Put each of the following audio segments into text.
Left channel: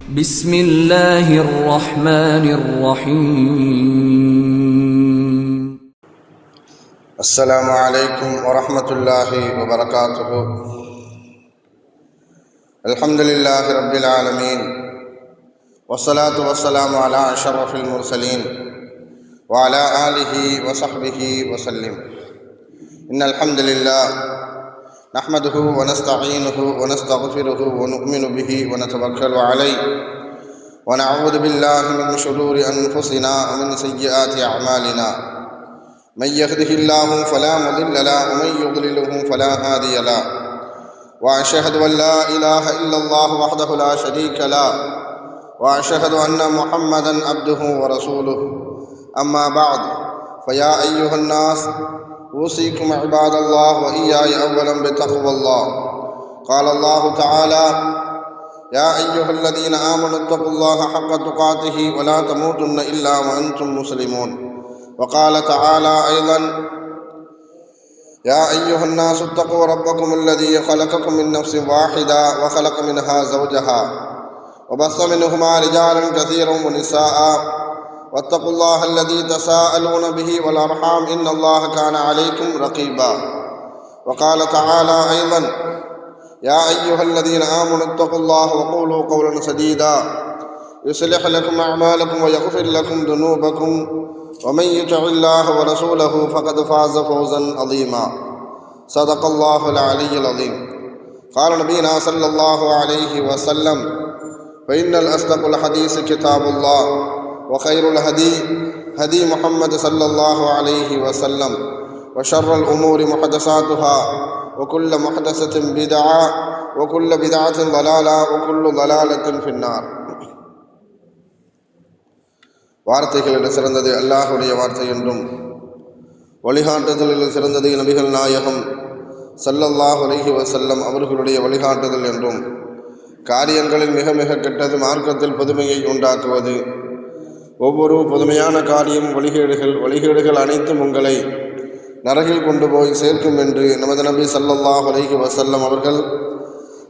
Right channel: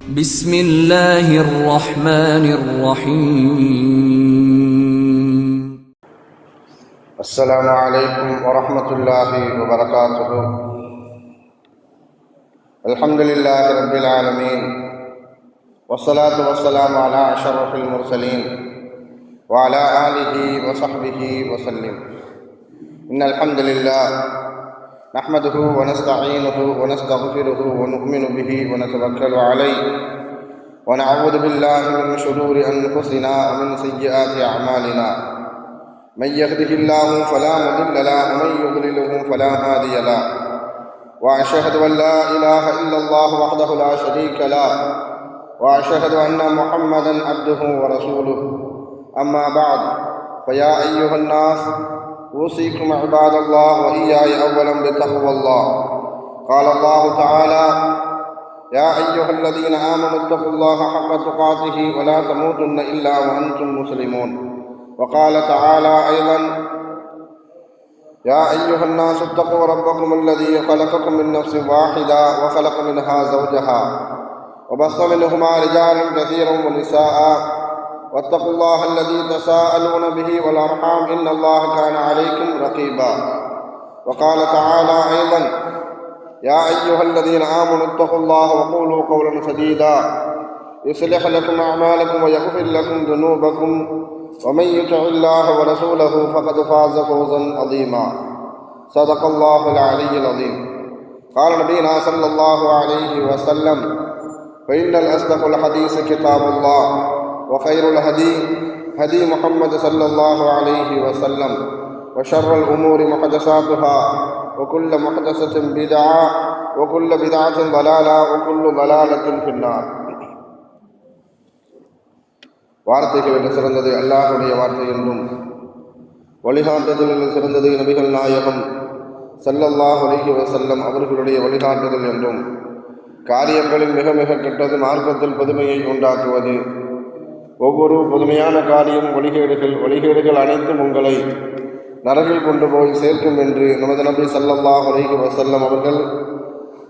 بسم الله الرحمن الرحيم. السلام عليكم ورحمة الله وبركاته. الحمد لله رب العالمين، والصلاة والسلام على أشرف المرسلين وعلى آله وصحبه وسلم. إن الحمد لله نحمده ونستعينه ونستغفره ونؤمن به ونتوكل عليه، ونعوذ بالله من شرور أنفسنا ومن سيئات أعمالنا. من يهده الله فلا مضل له ومن يضلله فلا هادي له، وأشهد أن لا إله إلا الله وحده لا شريك له، وأشهد أن محمدا عبده ورسوله. أما بعد، فيا أيها الناس أوصيكم عباد الله وإياي أولا بتقوى الله. قال الله تعالى: يا أيها الذين آمنوا اتقوا الله حق تقاته ولا تموتن إلا وأنتم مسلمون. وقال تعالى أيضا: يا أيها الناس اتقوا ربكم الذي خلقكم من نفس واحدة وخلق منها زوجها وبث منهما رجالا كثيرا ونساء، واتقوا الله الذي تساءلون به والأرحام إن الله كان عليكم رقيبا. وقال تعالى أيضا: يا أيها الذين آمنوا اتقوا الله وقولوا قولا سديدا يصلح لكم أعمالكم ويغفر لكم ذنوبكم، ومن يطع الله ورسوله فقد فاز فوزا عظيما. صدق الله العلي العظيم. قال نبينا صلى الله عليه وسلم: فإن الأصدق الحديث كتاب الله، وخير الهدي هدي محمد صلى الله عليه وسلم، وشر الأمور محدثاتها، وكل محدثة بدعة، وكل بدعة ضلالة، وكل ضلالة في النار. வார்த்தைகளில் சிறந்தது அல்லாஹுடைய வார்த்தை என்றும், வழிகாட்டுதலில் சிறந்தது நபிகள் நாயகம் ஸல்லல்லாஹு அலைஹி வஸல்லம் அவர்களுடைய வழிகாட்டுதல் என்றும், காரியங்களில் மிக மிக கெட்டது மார்க்கத்தில் புதுமையை உண்டாக்குவது, ஒவ்வொரு புதுமையான காரியம் வழிகேடுகள் அனைத்தும் உங்களை நரகில் கொண்டு போய் சேர்க்கும் என்று நமது நபி ஸல்லல்லாஹு அலைஹி வஸல்லம் அவர்கள்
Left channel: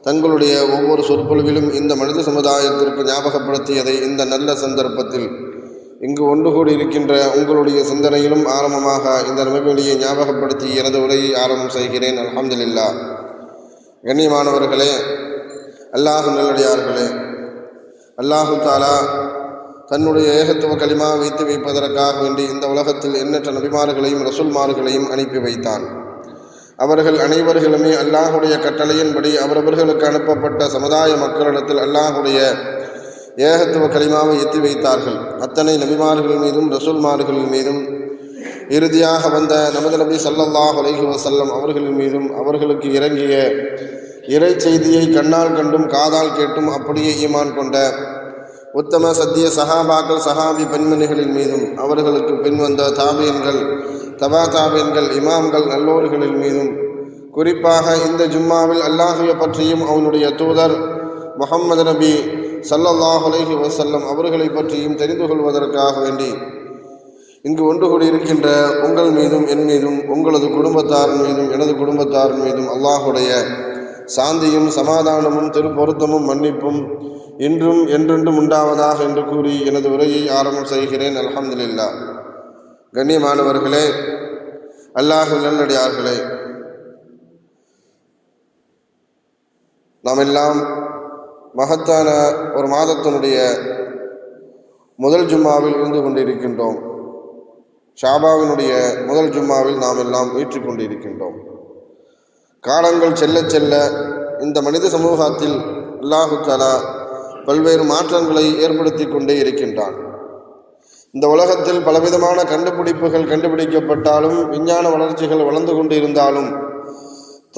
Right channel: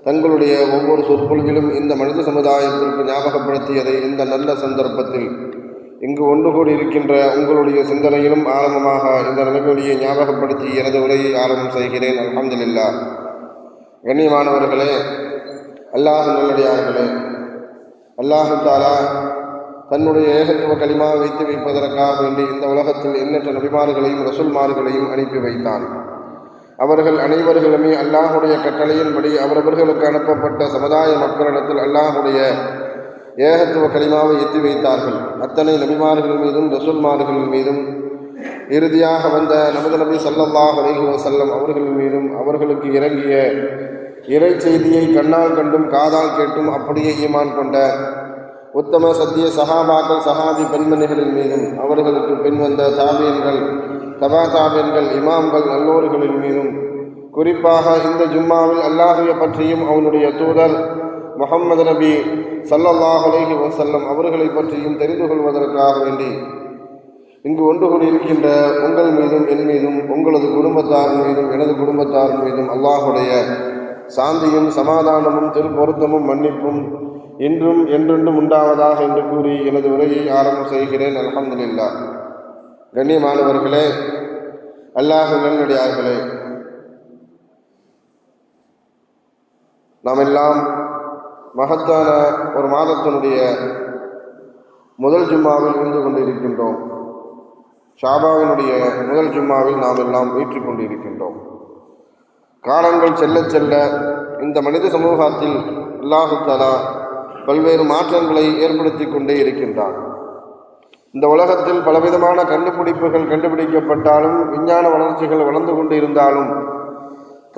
தங்களுடைய ஒவ்வொரு சொற்பொழிவிலும் இந்த மனித சமுதாயத்திற்கு ஞாபகப்படுத்தியதை இந்த நல்ல சந்தர்ப்பத்தில் இங்கு ஒன்று கூடி இருக்கின்ற உங்களுடைய சிந்தனையிலும் ஆரம்பமாக இந்த நபிமொழியை ஞாபகப்படுத்தி எனது உரையை ஆரம்பம் செய்கிறேன். அல்ஹம்துலில்லாஹ். கண்ணியமானவர்களே, அல்லாஹ் நல்லடியார்களே, அல்லாஹு தஆலா தன்னுடைய ஏகத்துவ கலிமா வைத்து வைப்பதற்காக வேண்டி இந்த உலகத்தில் எண்ணற்ற நபிமார்களையும் ரசூல்மார்களையும் அனுப்பி வைத்தான். அவர்கள் அனைவர்களுமே அல்லாஹுடைய கட்டளையின்படி அவரவர்களுக்கு அனுப்பப்பட்ட சமுதாய மக்களிடத்தில் அல்லாஹுடைய ஏகத்துவ கலிமாவை எத்தி வைத்தார்கள். அத்தனை நபிமார்கள் மீதும் ரசூல்மார்கள் மீதும் இறுதியாக வந்த நமது நபி ஸல்லல்லாஹு அலைஹி வஸல்லம் அவர்கள் மீதும் அவர்களுக்கு இறங்கிய இறை செய்தியை கண்ணால் கண்டும் காதால் கேட்டும் அப்படியே ஈமான் கொண்ட உத்தம சத்திய சஹாபாக்கள் சஹாபி பெண்மணிகளின் மீதும் அவர்களுக்கு பின் வந்த தாபியன்கள் தபா தாபியன்கள் இமாம்கள் நல்லோர்களின் மீதும் குறிப்பாக இந்த ஜும்மாவில் அல்லாஹுவை பற்றியும் அவனுடைய தூதர் முஹம்மது நபி ஸல்லல்லாஹு அலைஹி வஸல்லம் அவர்களை பற்றியும் தெரிந்து கொள்வதற்காக வேண்டி இங்கு ஒன்று கூடியிருக்கின்ற உங்கள் மீதும் என் மீதும் உங்களது குடும்பத்தார் மீதும் எனது குடும்பத்தார் மீதும் அல்லாஹுடைய சாந்தியும் சமாதானமும் திருப்பொருத்தமும் மன்னிப்பும் இன்றும் என்றென்றும் உண்டாவதாக என்று கூறி எனது உரையை ஆரம்பம் செய்கிறேன். அல்ஹம்துலில்லாஹ். கண்ணியமானவர்களே, அல்லாஹ் நல்லடியார்களே, நாம் எல்லாம் மகத்தான ஒரு மாதத்தினுடைய முதல் ஜும்மாவில் இருந்து கொண்டிருக்கின்றோம். ஷாபாவினுடைய முதல் ஜும்மாவில் நாம் எல்லாம் வீற்றிக் கொண்டிருக்கின்றோம். காலங்கள் செல்ல செல்ல இந்த மனித சமூகத்தில் அல்லாஹு தஆலா பல்வேறு மாற்றங்களை ஏற்படுத்தி கொண்டே இருக்கின்றான். இந்த உலகத்தில் பலவிதமான கண்டுபிடிப்புகள் கண்டுபிடிக்கப்பட்டாலும், விஞ்ஞான வளர்ச்சிகள் வளர்ந்து கொண்டு இருந்தாலும்,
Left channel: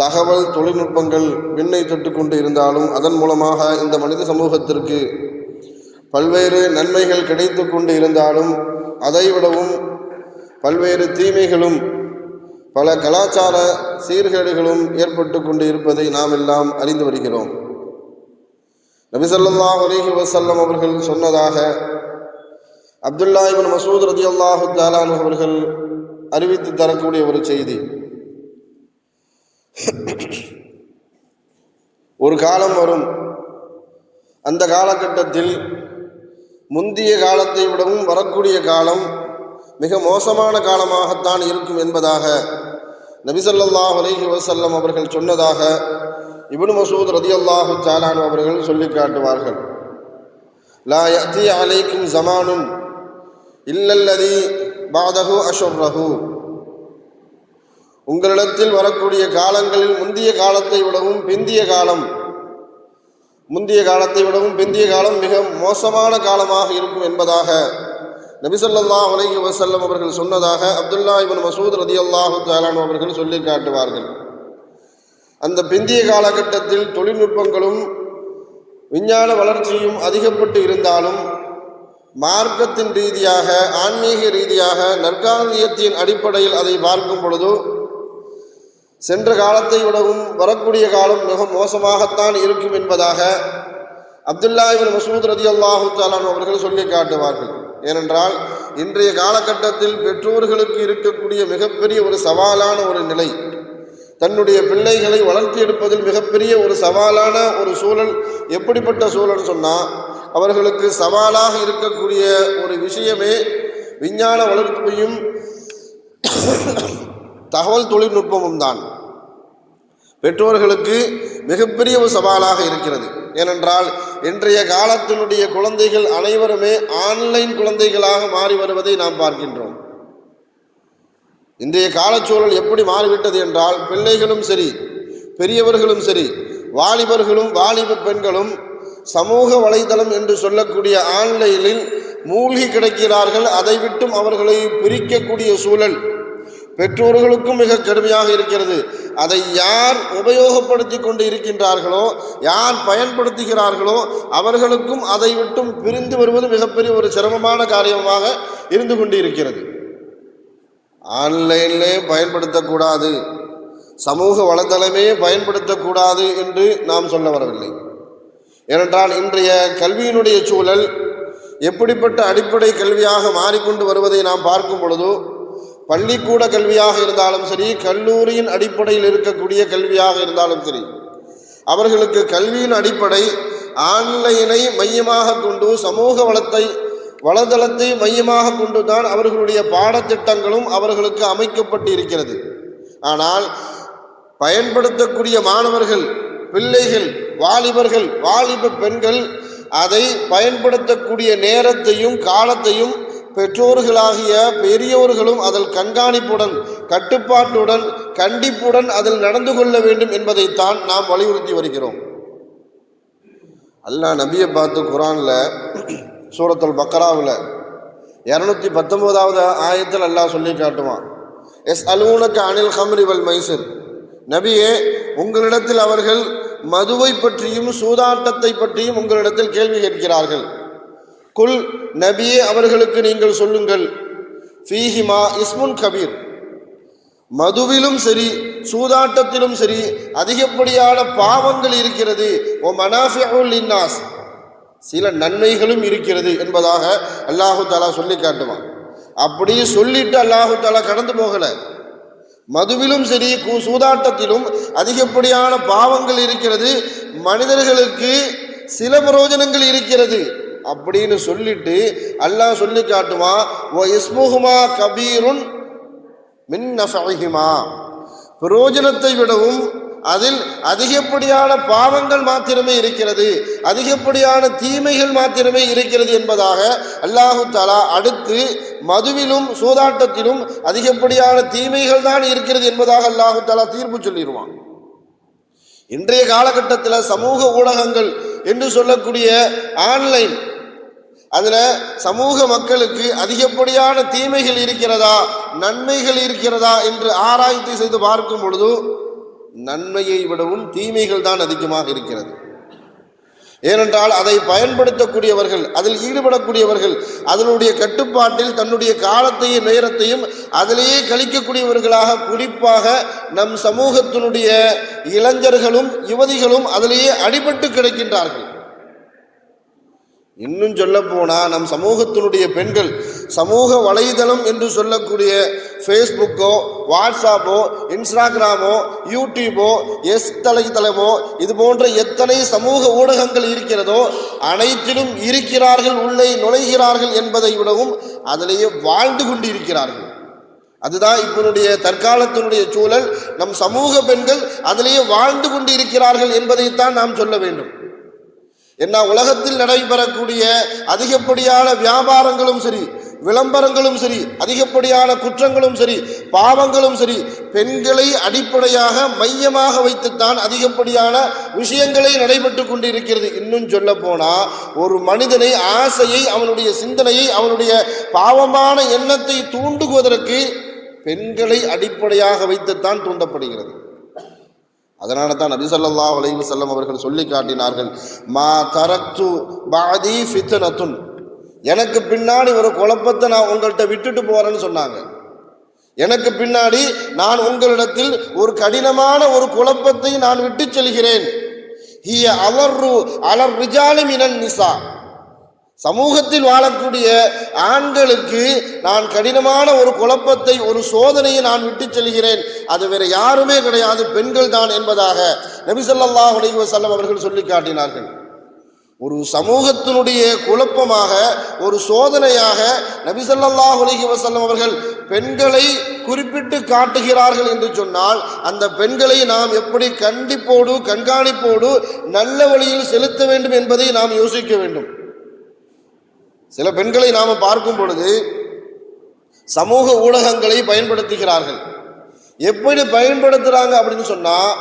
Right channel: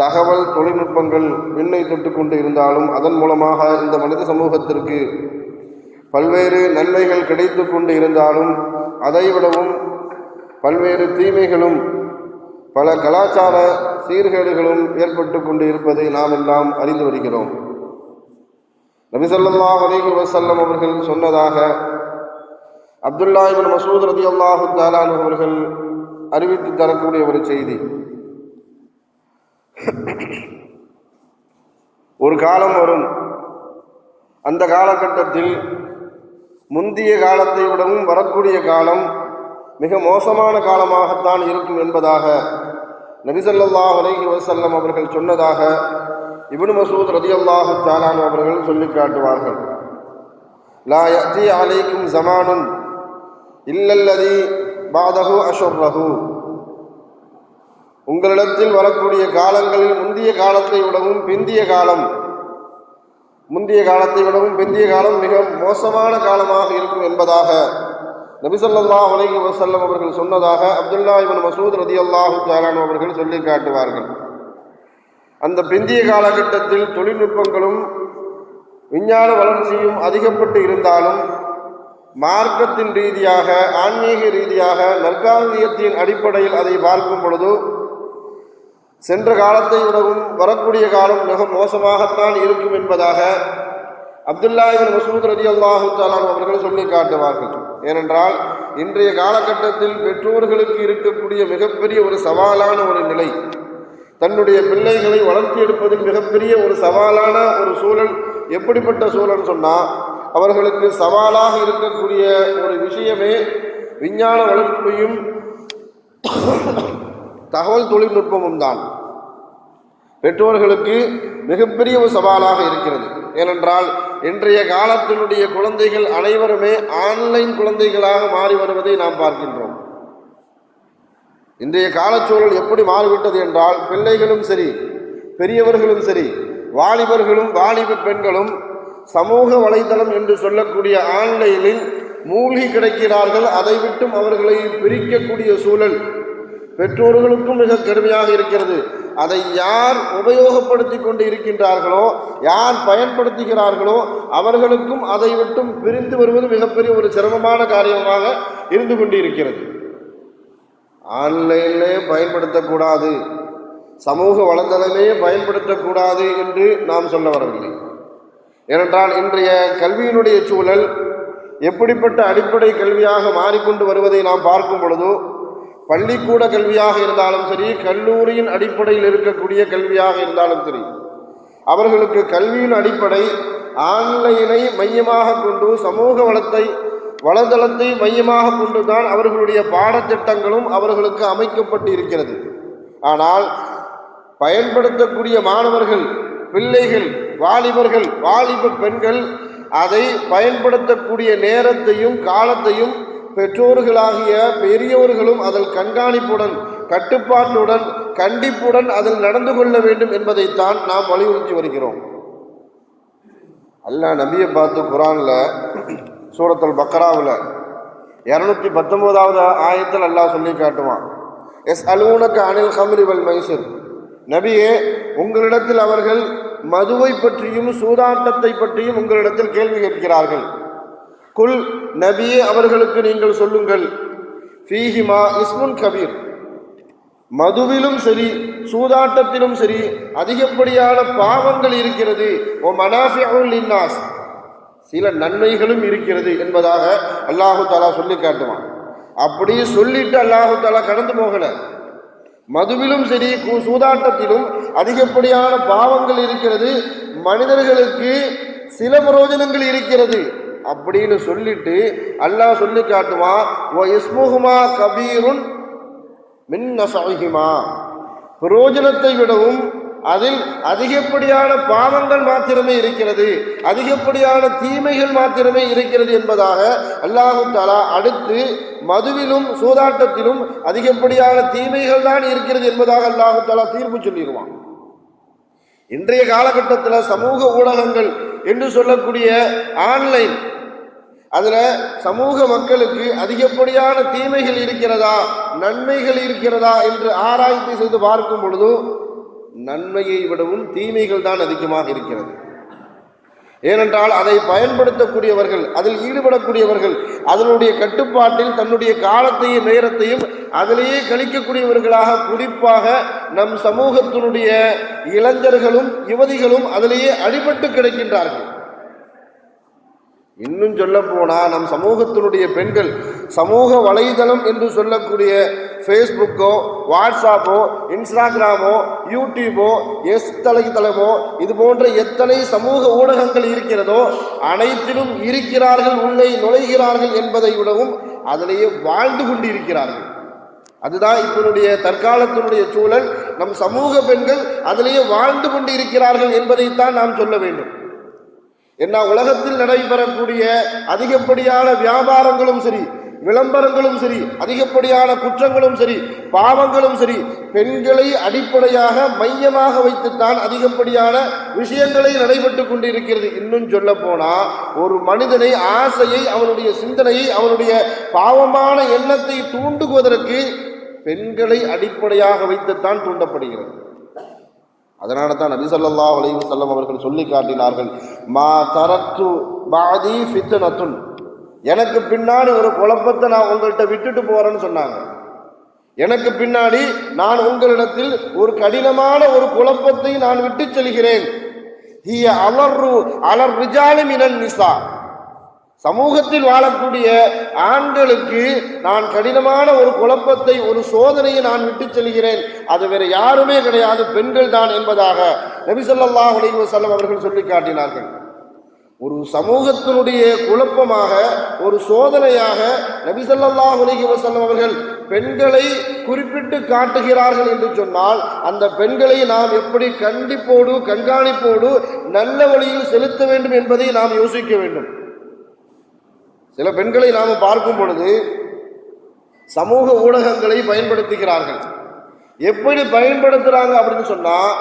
தகவல் தொழில்நுட்பங்கள் விண்ணை தொட்டு கொண்டு இருந்தாலும், அதன் மூலமாக இந்த மனித சமூகத்திற்கு பல்வேறு நன்மைகள் கிடைத்து கொண்டு இருந்தாலும், அதைவிடவும் பல்வேறு தீமைகளும் பல கலாச்சார சீர்கேடுகளும் ஏற்பட்டு கொண்டு இருப்பதை நாம் எல்லாம் அறிந்து வருகிறோம். நபி ஸல்லல்லாஹு அலைஹி வஸல்லம் அவர்கள் சொன்னதாக அப்துல்லா இப்னு மஸ்ஊத் ரலியல்லாஹு தஆலா அன்ஹு அவர்கள் அறிவித்து தரக்கூடிய ஒரு செய்தி. ஒரு காலம் வரும், அந்த காலகட்டத்தில் முந்திய காலத்தை விடவும் வரக்கூடிய காலம் மிக மோசமான காலமாகத்தான் இருக்கும் என்பதாக நபி ஸல்லல்லாஹு அலைஹி வஸல்லம் அவர்கள் சொன்னதாக இப்னு மஸ்ஊத் ரலியல்லாஹு தஆலா அன்ஹு அவர்கள் சொல்லி காட்டுவார்கள். லா யஅதி அலைக்கும் ஸமானுன் இல்லல்லதி பஅதஹு அஷர்ரஹு. உங்களிடத்தில் வரக்கூடிய காலங்களில் முந்திய காலத்தை விடவும் பிந்திய காலம் மிக மோசமான காலமாக இருக்கும் என்பதாக நபி ஸல்லல்லாஹு அலைஹி வஸல்லம் அவர்கள் சொன்னதாக அப்துல்லா இப்னு மஸ்ஊத் ரலியல்லாஹு தஆலா அன்ஹு அவர்கள் சொல்லி காட்டுவார்கள். அந்த பிந்திய காலகட்டத்தில் தொழில்நுட்பங்களும் விஞ்ஞான வளர்ச்சியும் அதிகப்பட்டு இருந்தாலும் மார்க்கத்தின் ரீதியாக, ஆன்மீக ரீதியாக, நற்காரியத்தின் அடிப்படையில் அதை பார்க்கும் பொழுது சென்ற காலத்தை விடவும் வரக்கூடிய காலம் மிக மோசமாகத்தான் இருக்கும் என்பதாக அப்துல்லா இப்னு மஸ்ஊத் ரலியல்லாஹு தஆலா அன்ஹு அவர்கள் சொல்லி காட்டுவார்கள். ஏனென்றால் இன்றைய காலகட்டத்தில் பெற்றோர்களுக்கு இருக்கக்கூடிய மிகப்பெரிய ஒரு சவாலான ஒரு நிலை, தன்னுடைய பிள்ளைகளை வளர்த்தி எடுப்பதில் மிகப்பெரிய ஒரு சவாலான ஒரு சூழல். எப்படிப்பட்ட சூழல் சொன்னால், அவர்களுக்கு சவாலாக இருக்கக்கூடிய ஒரு விஷயமே விஞ்ஞான வளர்ப்பையும் தகவல் தொழில்நுட்பமும் தான் பெற்றோர்களுக்கு மிகப்பெரிய ஒரு சவாலாக இருக்கிறது. ஏனென்றால் இன்றைய காலத்தினுடைய குழந்தைகள் அனைவருமே ஆன்லைன் குழந்தைகளாக மாறி வருவதை நாம் பார்க்கின்றோம். இன்றைய காலச்சூழல் எப்படி மாறிவிட்டது என்றால், பிள்ளைகளும் சரி, பெரியவர்களும் சரி, வாலிபர்களும் வாலிப பெண்களும் சமூக வலைதளம் என்று சொல்லக்கூடிய ஆன்லைனில் மூழ்கி கிடக்கிறார்கள். அதை விட்டும் அவர்களை பிரிக்கக்கூடிய சூழல் பெற்றோர்களுக்கும் மிக கடுமையாக இருக்கிறது. அதை யார் உபயோகப்படுத்தி கொண்டு இருக்கின்றார்களோ, யார் பயன்படுத்துகிறார்களோ அவர்களுக்கும் அதை விட்டும் பிரிந்து வருவது மிகப்பெரிய ஒரு சிரமமான காரியமாக இருந்து கொண்டு இருக்கிறது. ஆன்லைனிலே பயன்படுத்தக்கூடாது, சமூக வலைதளமே பயன்படுத்தக்கூடாது என்று நாம் சொல்ல வரவில்லை. ஏனென்றால் இன்றைய கல்வியினுடைய சூழல் எப்படிப்பட்ட அடிப்படை கல்வியாக மாறிக்கொண்டு வருவதை நாம் பார்க்கும் பொழுது, பள்ளிக்கூட கல்வியாக இருந்தாலும் சரி, கல்லூரியின் அடிப்படையில் இருக்கக்கூடிய கல்வியாக இருந்தாலும் சரி, அவர்களுக்கு கல்வியின் அடிப்படை ஆன்லைனை மையமாக கொண்டு, சமூக வலைதளத்தை மையமாக கொண்டுதான் அவர்களுடைய பாடத்திட்டங்களும் அவர்களுக்கு அமைக்கப்பட்டு இருக்கிறது. ஆனால் பயன்படுத்தக்கூடிய மாணவர்கள், பிள்ளைகள், வாலிபர்கள், வாலிப பெண்கள் அதை பயன்படுத்தக்கூடிய நேரத்தையும் காலத்தையும் பெற்றோர்களாகிய பெரியோர்களும் அதில் கண்காணிப்புடன், கட்டுப்பாட்டுடன், கண்டிப்புடன் அதில் நடந்து கொள்ள வேண்டும் என்பதைத்தான் நாம் வலியுறுத்தி வருகிறோம். அல்லாஹ் நபியை பார்த்து குர்ஆனில் சூரத்துல் பக்ராவில் 219வது ஆயத்தில் அல்லாஹ் சொல்லி காட்டுவான், எஸ் அலூனக அனில் ஹம்ரி வல் மைசிர். நபியே, உங்களிடத்தில் அவர்கள் மதுவை பற்றியும் சூதாட்டத்தை பற்றியும் உங்களிடத்தில் கேள்வி கேட்கிறார்கள். குல், நபியே அவர்களுக்கு நீங்கள் சொல்லுங்கள், ஃபீஹிமா இஸ்முன் கபீர். மதுவிலும் சரி, சூதாட்டத்திலும் சரி அதிகப்படியான பாவங்கள் இருக்கிறது. ஓ மனாஃபிஉல் லின்னாஸ், சில நன்மைகளும் இருக்கிறது என்பதாக அல்லாஹு தஆலா சொல்லி காட்டுவான். அப்படி சொல்லிட்டு அல்லாஹு தஆலா கடந்து போகல. மதுவிலும் சரி, சூதாட்டத்திலும் அதிகப்படியான பாவங்கள் இருக்கிறது, மனிதர்களுக்கு சில பிரயோஜனங்கள் இருக்கிறது அப்படின்னு சொல்லிட்டு அல்லாஹ் சொல்லி காட்டுவான், வ இஸ்முஹுமா கபீருன் மின் நஃபஇஹிமா. பிரயோஜனத்தை விடவும் அதில் அதிகப்படியான பாவங்கள் மாத்திரமே இருக்கிறது, அதிகப்படியான தீமைகள் மாத்திரமே இருக்கிறது என்பதாக அல்லாஹு தஆலா அடுத்து மதுவிலும் சூதாட்டத்திலும் அதிகப்படியான தீமைகள் தான் இருக்கிறது என்பதாக அல்லாஹு தஆலா தீர்ப்பு சொல்லிடுவான். இன்றைய காலகட்டத்தில் சமூக ஊடகங்கள் என்று சொல்லக்கூடிய ஆன்லைன், அதில் சமூக மக்களுக்கு அதிகப்படியான தீமைகள் இருக்கிறதா, நன்மைகள் இருக்கிறதா என்று ஆராய்ச்சி செய்து பார்க்கும் பொழுது நன்மையை விடவும் தீமைகள் தான் அதிகமாக இருக்கிறது. ஏனென்றால் அதை பயன்படுத்தக்கூடியவர்கள், அதில் ஈடுபடக்கூடியவர்கள், அதனுடைய கட்டுப்பாட்டில் தன்னுடைய காலத்தையும் நேரத்தையும் அதிலேயே கழிக்கக்கூடியவர்களாக, குறிப்பாக நம் சமூகத்தினுடைய இளைஞர்களும் யுவதிகளும் அதிலேயே அடிபட்டு கிடக்கின்றார்கள். இன்னும் சொல்ல போனால் நம் சமூகத்தினுடைய பெண்கள் சமூக வலைதளம் என்று சொல்லக்கூடிய ஃபேஸ்புக்கோ வாட்ஸ்அப்போ, இன்ஸ்டாகிராமோ, யூடியூபோ, தலைத்தளமோ இது போன்ற எத்தனை சமூக ஊடகங்கள் இருக்கிறதோ அனைத்திலும் இருக்கிறார்கள், உள்ளே நுழைகிறார்கள் என்பதை விடவும் அதிலேயே வாழ்ந்து கொண்டு இருக்கிறார்கள். அதுதான் இப்பனுடைய தற்காலத்தினுடைய சூழல். நம் சமூக பெண்கள் அதிலேயே வாழ்ந்து கொண்டு இருக்கிறார்கள் என்பதைத்தான் நாம் சொல்ல வேண்டும். என்ன, உலகத்தில் நடைபெறக்கூடிய அதிகப்படியான வியாபாரங்களும் சரி, விளம்பரங்களும் சரி, அதிகப்படியான குற்றங்களும் சரி, பாவங்களும் சரி, பெண்களை அடிப்படையாக மையமாக வைத்துத்தான் அதிகப்படியான விஷயங்களை நடைபெற்று கொண்டிருக்கிறது. இன்னும் சொல்ல போனா ஒரு மனிதனை ஆசையை, அவனுடைய சிந்தனையை, அவனுடைய பாவமான எண்ணத்தை தூண்டுவதற்கு பெண்களை அடிப்படையாக வைத்துத்தான் தூண்டப்படுகிறது. அதனால தான் நபி ஸல்லல்லாஹு அலைஹி வஸல்லம் அவர்கள் சொல்லி காட்டினார்கள், மா தரக்து பாதி ஃபித்னத்துன், எனக்கு பின்னாடி ஒரு குழப்பத்தை நான் உங்கள்கிட்ட விட்டுட்டு போறேன்னு சொன்னாங்க. எனக்கு பின்னாடி நான் உங்களிடத்தில் ஒரு கடினமான ஒரு குழப்பத்தை நான் விட்டு செல்கிறேன். ஹிய அலர்ரு அலர் ரிஜாலி மினன் நிசா, சமூகத்தில் வாழக்கூடிய ஆண்களுக்கு நான் கடினமான ஒரு குழப்பத்தை, ஒரு சோதனையை நான் விட்டு செல்கிறேன். அது வேற யாருமே கிடையாது, பெண்கள் தான் என்பதாக நபி ஸல்லல்லாஹு அலைஹி வஸல்லம் அவர்கள் சொல்லி காட்டினார்கள். ஒரு சமூகத்தினுடைய குழப்பமாக, ஒரு சோதனையாக நபி ஸல்லல்லாஹு அலைஹி வஸல்லம் அவர்கள் பெண்களை குறிப்பிட்டு காட்டுகிறார்கள் என்று சொன்னால், அந்த பெண்களை நாம் எப்படி கண்டிப்போடு, கண்காணிப்போடு நல்ல வழியில் செலுத்த வேண்டும் என்பதை நாம் யோசிக்க வேண்டும். சில பெண்களை நாம் பார்க்கும் பொழுது சமூக ஊடகங்களை பயன்படுத்துகிறார்கள். எப்படி பயன்படுத்துகிறாங்க அப்படின்னு சொன்னால்,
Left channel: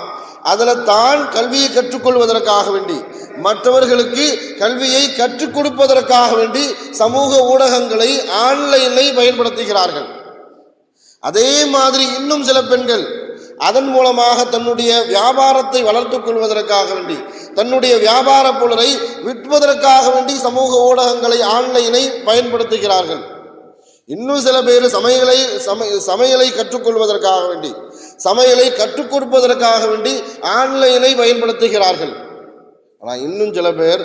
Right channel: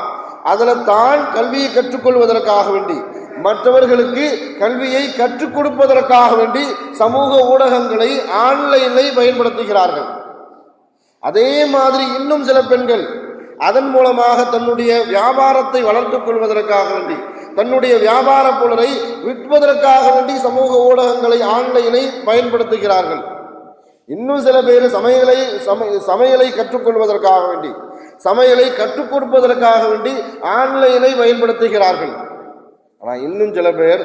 அதில் தான் கல்வியை கற்றுக்கொள்வதற்காக வேண்டி, மற்றவர்களுக்கு கல்வியை கற்றுக் கொடுப்பதற்காக வேண்டி சமூக ஊடகங்களை, ஆன்லைனை பயன்படுத்துகிறார்கள். அதே மாதிரி இன்னும் சில பெண்கள் அதன் மூலமாக தன்னுடைய வியாபாரத்தை வளர்த்துக் கொள்வதற்காக வேண்டி, தன்னுடைய வியாபார பொருளை விற்பதற்காக வேண்டி சமூக ஊடகங்களை, ஆன்லைனை பயன்படுத்துகிறார்கள். இன்னும் சில பேர் சமையலை கற்றுக்கொள்வதற்காக வேண்டி, சமையலை கற்றுக் கொடுப்பதற்காக வேண்டி ஆன்லைனை பயன்படுத்துகிறார்கள். ஆனால் இன்னும் சில பேர்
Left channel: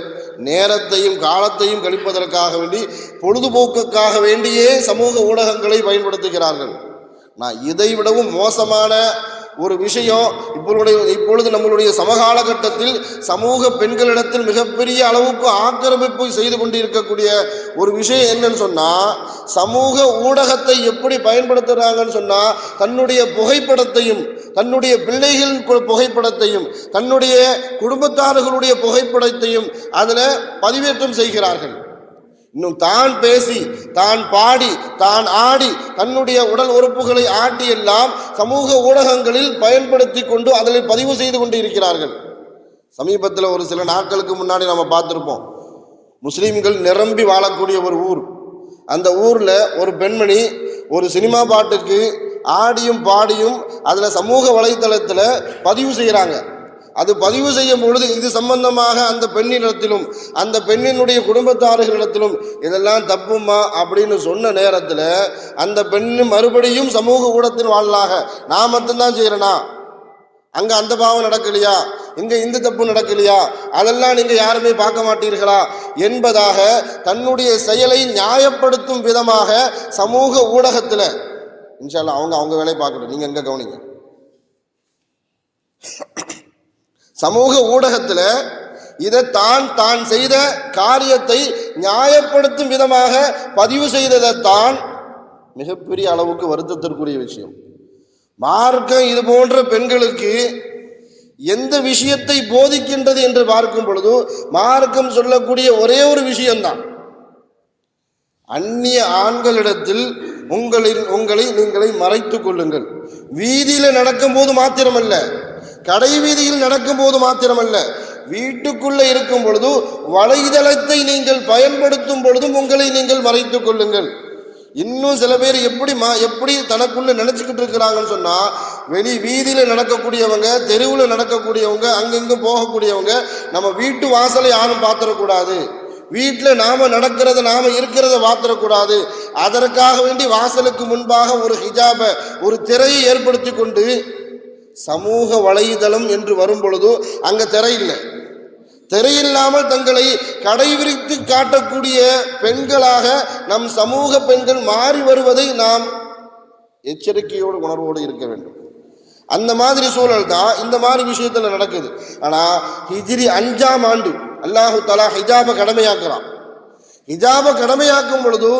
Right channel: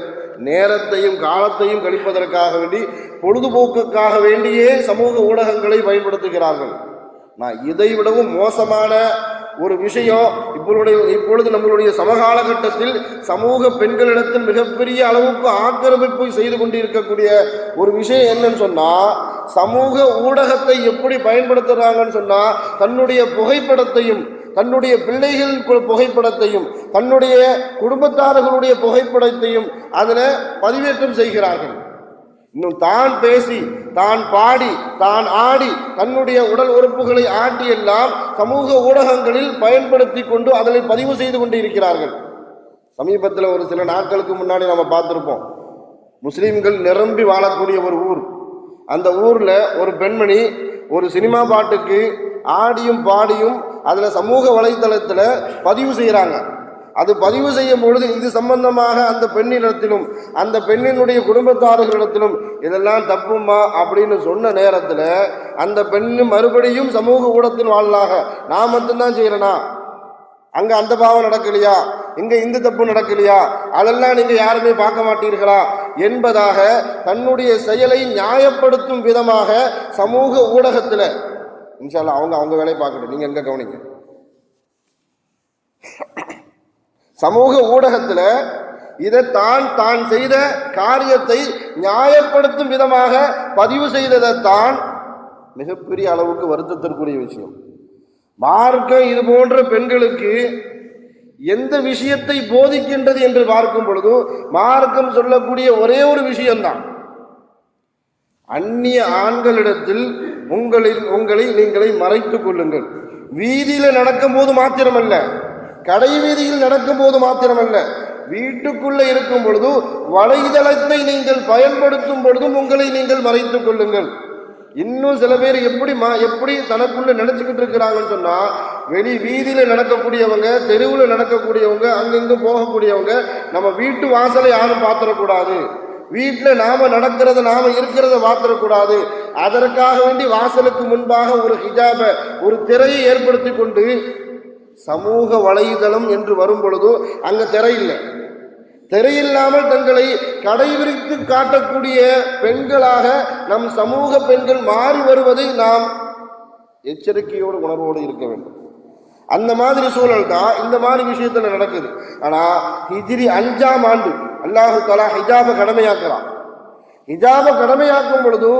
நேரத்தையும் காலத்தையும் கழிப்பதற்காக வேண்டி, பொழுதுபோக்குக்காக வேண்டியே சமூக ஊடகங்களை பயன்படுத்துகிறார்கள். நான் இதை விடவும் மோசமான ஒரு விஷயம் இப்பொழுது நம்மளுடைய சமகாலகட்டத்தில் சமூக பெண்களிடத்தில் மிகப்பெரிய அளவுக்கு ஆக்கிரமிப்பு செய்து கொண்டு இருக்கக்கூடிய ஒரு விஷயம் என்னன்னு சொன்னால், சமூக ஊடகத்தை எப்படி பயன்படுத்துகிறாங்கன்னு சொன்னால், தன்னுடைய புகைப்படத்தையும், தன்னுடைய பிள்ளைகளின் புகைப்படத்தையும், தன்னுடைய குடும்பத்தார்களுடைய புகைப்படத்தையும் அதில் பதிவேற்றம் செய்கிறார்கள். இன்னும் தான் பேசி, தான் பாடி, தான் ஆடி, தன்னுடைய உடல் உறுப்புகளை ஆட்டி எல்லாம் சமூக ஊடகங்களில் பயன்படுத்தி கொண்டு அதில் பதிவு செய்து கொண்டு இருக்கிறார்கள். சமீபத்தில் ஒரு சில நாட்களுக்கு முன்னாடி நம்ம பார்த்துருப்போம், முஸ்லீம்கள் நிரம்பி வாழக்கூடிய ஒரு ஊர். அந்த ஊரில் ஒரு பெண்மணி ஒரு சினிமா பாட்டுக்கு ஆடியும் பாடியும் அதில் சமூக வலைத்தளத்தில் பதிவு செய்கிறாங்க. அது பதிவு செய்யும் பொழுது இது சம்பந்தமாக அந்த பெண்ணிடத்திலும், அந்த பெண்ணினுடைய குடும்பத்தார்களிடத்திலும் இதெல்லாம் தப்புமா அப்படின்னு சொன்ன நேரத்தில் அந்த பெண்ணு மறுபடியும் சமூக ஊடகத்தில் வாழலாக, நான் மட்டும்தான் செய்கிறேனா, அங்கே அந்த பாவம் நடக்கலையா, இங்கே இந்த தப்பு நடக்கலையா, அதெல்லாம் நீங்கள் யாருமே பார்க்க மாட்டீர்களா என்பதாக தன்னுடைய செயலை நியாயப்படுத்தும் விதமாக சமூக ஊடகத்தில், இன்ஷா அல்லாஹ் அவங்க வேலையை பார்க்கணும், நீங்கள் எங்கே கவனிங்க. சமூக ஊடகத்தில் இதை தான் செய்த காரியத்தை நியாயப்படுத்தும் விதமாக பதிவு செய்ததைத்தான் மிகப்பெரிய அளவுக்கு வருத்தத்திற்குரிய விஷயம். மார்க்கம் இது போன்ற பெண்களுக்கு எந்த விஷயத்தை போதிக்கின்றது என்று பார்க்கும் பொழுது, மார்க்கம் சொல்லக்கூடிய ஒரே ஒரு விஷயம்தான், அந்நிய ஆண்களிடத்தில் உங்களை நீங்களை மறைத்துக் கொள்ளுங்கள். வீதியில் நடக்கும் போது மாத்திரமல்ல, கடை வீதியில் நடக்கும் போது மாத்திரமல்ல, வீட்டுக்குள்ளே இருக்கும் பொழுது, வலைதளத்தை நீங்கள் பயன்படுத்தும் பொழுதும் உங்களை நீங்கள் மறைத்துக் கொள்ளுங்கள். இன்னும் சில பேர் எப்படி தனக்குள்ள நினைச்சுக்கிட்டு இருக்கிறாங்கன்னு சொன்னா, வெளி வீதியில் நடக்கக்கூடியவங்க, தெருவில் நடக்கக்கூடியவங்க, அங்கெங்கும் போகக்கூடியவங்க நம்ம வீட்டு வாசலை யாரும் பார்த்துடக்கூடாது, வீட்டில் நாம நடக்கிறத நாம இருக்கிறத பார்த்துடக்கூடாது, அதற்காக வேண்டி வாசலுக்கு முன்பாக ஒரு ஹிஜாபை, ஒரு திரையை ஏற்படுத்தி கொண்டு சமூக வலைதளம் என்று வரும் பொழுது அங்க திரையில்லை, திரையில்லாமல் தங்களை கடைவிரித்து காட்டக்கூடிய பெண்களாக நம் சமூக பெண்கள் மாறி வருவதை நாம் எச்சரிக்கையோடு உணர்வோடு இருக்க வேண்டும். அந்த மாதிரி சூழல் தான் இந்த மாதிரி விஷயத்தில் நடக்குது. ஆனால் ஹிஜ்ரி 5ஆம் ஆண்டு அல்லாஹு தஆலா ஹிஜாபை கடமையாக்குறான். ஹிஜாபை கடமையாக்கும் பொழுது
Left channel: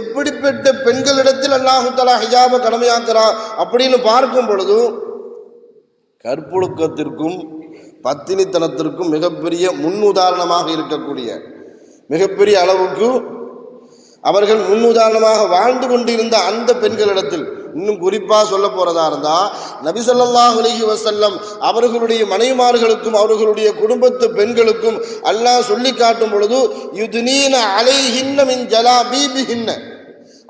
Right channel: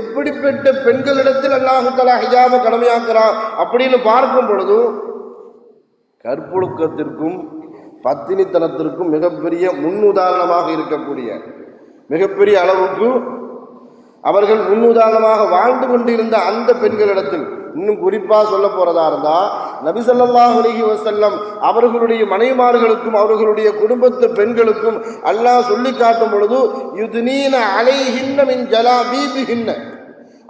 எப்படிப்பட்ட பெண்களிடத்தில் அல்லாஹு தஆலா ஹிஜாபை கடமையாக்குறான் அப்படின்னு பார்க்கும் பொழுது கற்பொழுக்கத்திற்கும் பத்தினித்தனத்திற்கும் மிகப்பெரிய முன்னுதாரணமாக இருக்கக்கூடிய, மிகப்பெரிய அளவுக்கு அவர்கள் முன்னுதாரணமாக வாழ்ந்து கொண்டிருந்த அந்த பெண்களிடத்தில், இன்னும் குறிப்பாக சொல்ல போறதா இருந்தா நபி ஸல்லல்லாஹு அலைஹி வஸல்லம் அவர்களுடைய மனைவிமார்களுக்கும் அவர்களுடைய குடும்பத்து பெண்களுக்கும் அல்லாஹ் சொல்லி காட்டும் பொழுது யுத்னீன அலைஹின்ன மின் ஜலாபீபிஹின்ன,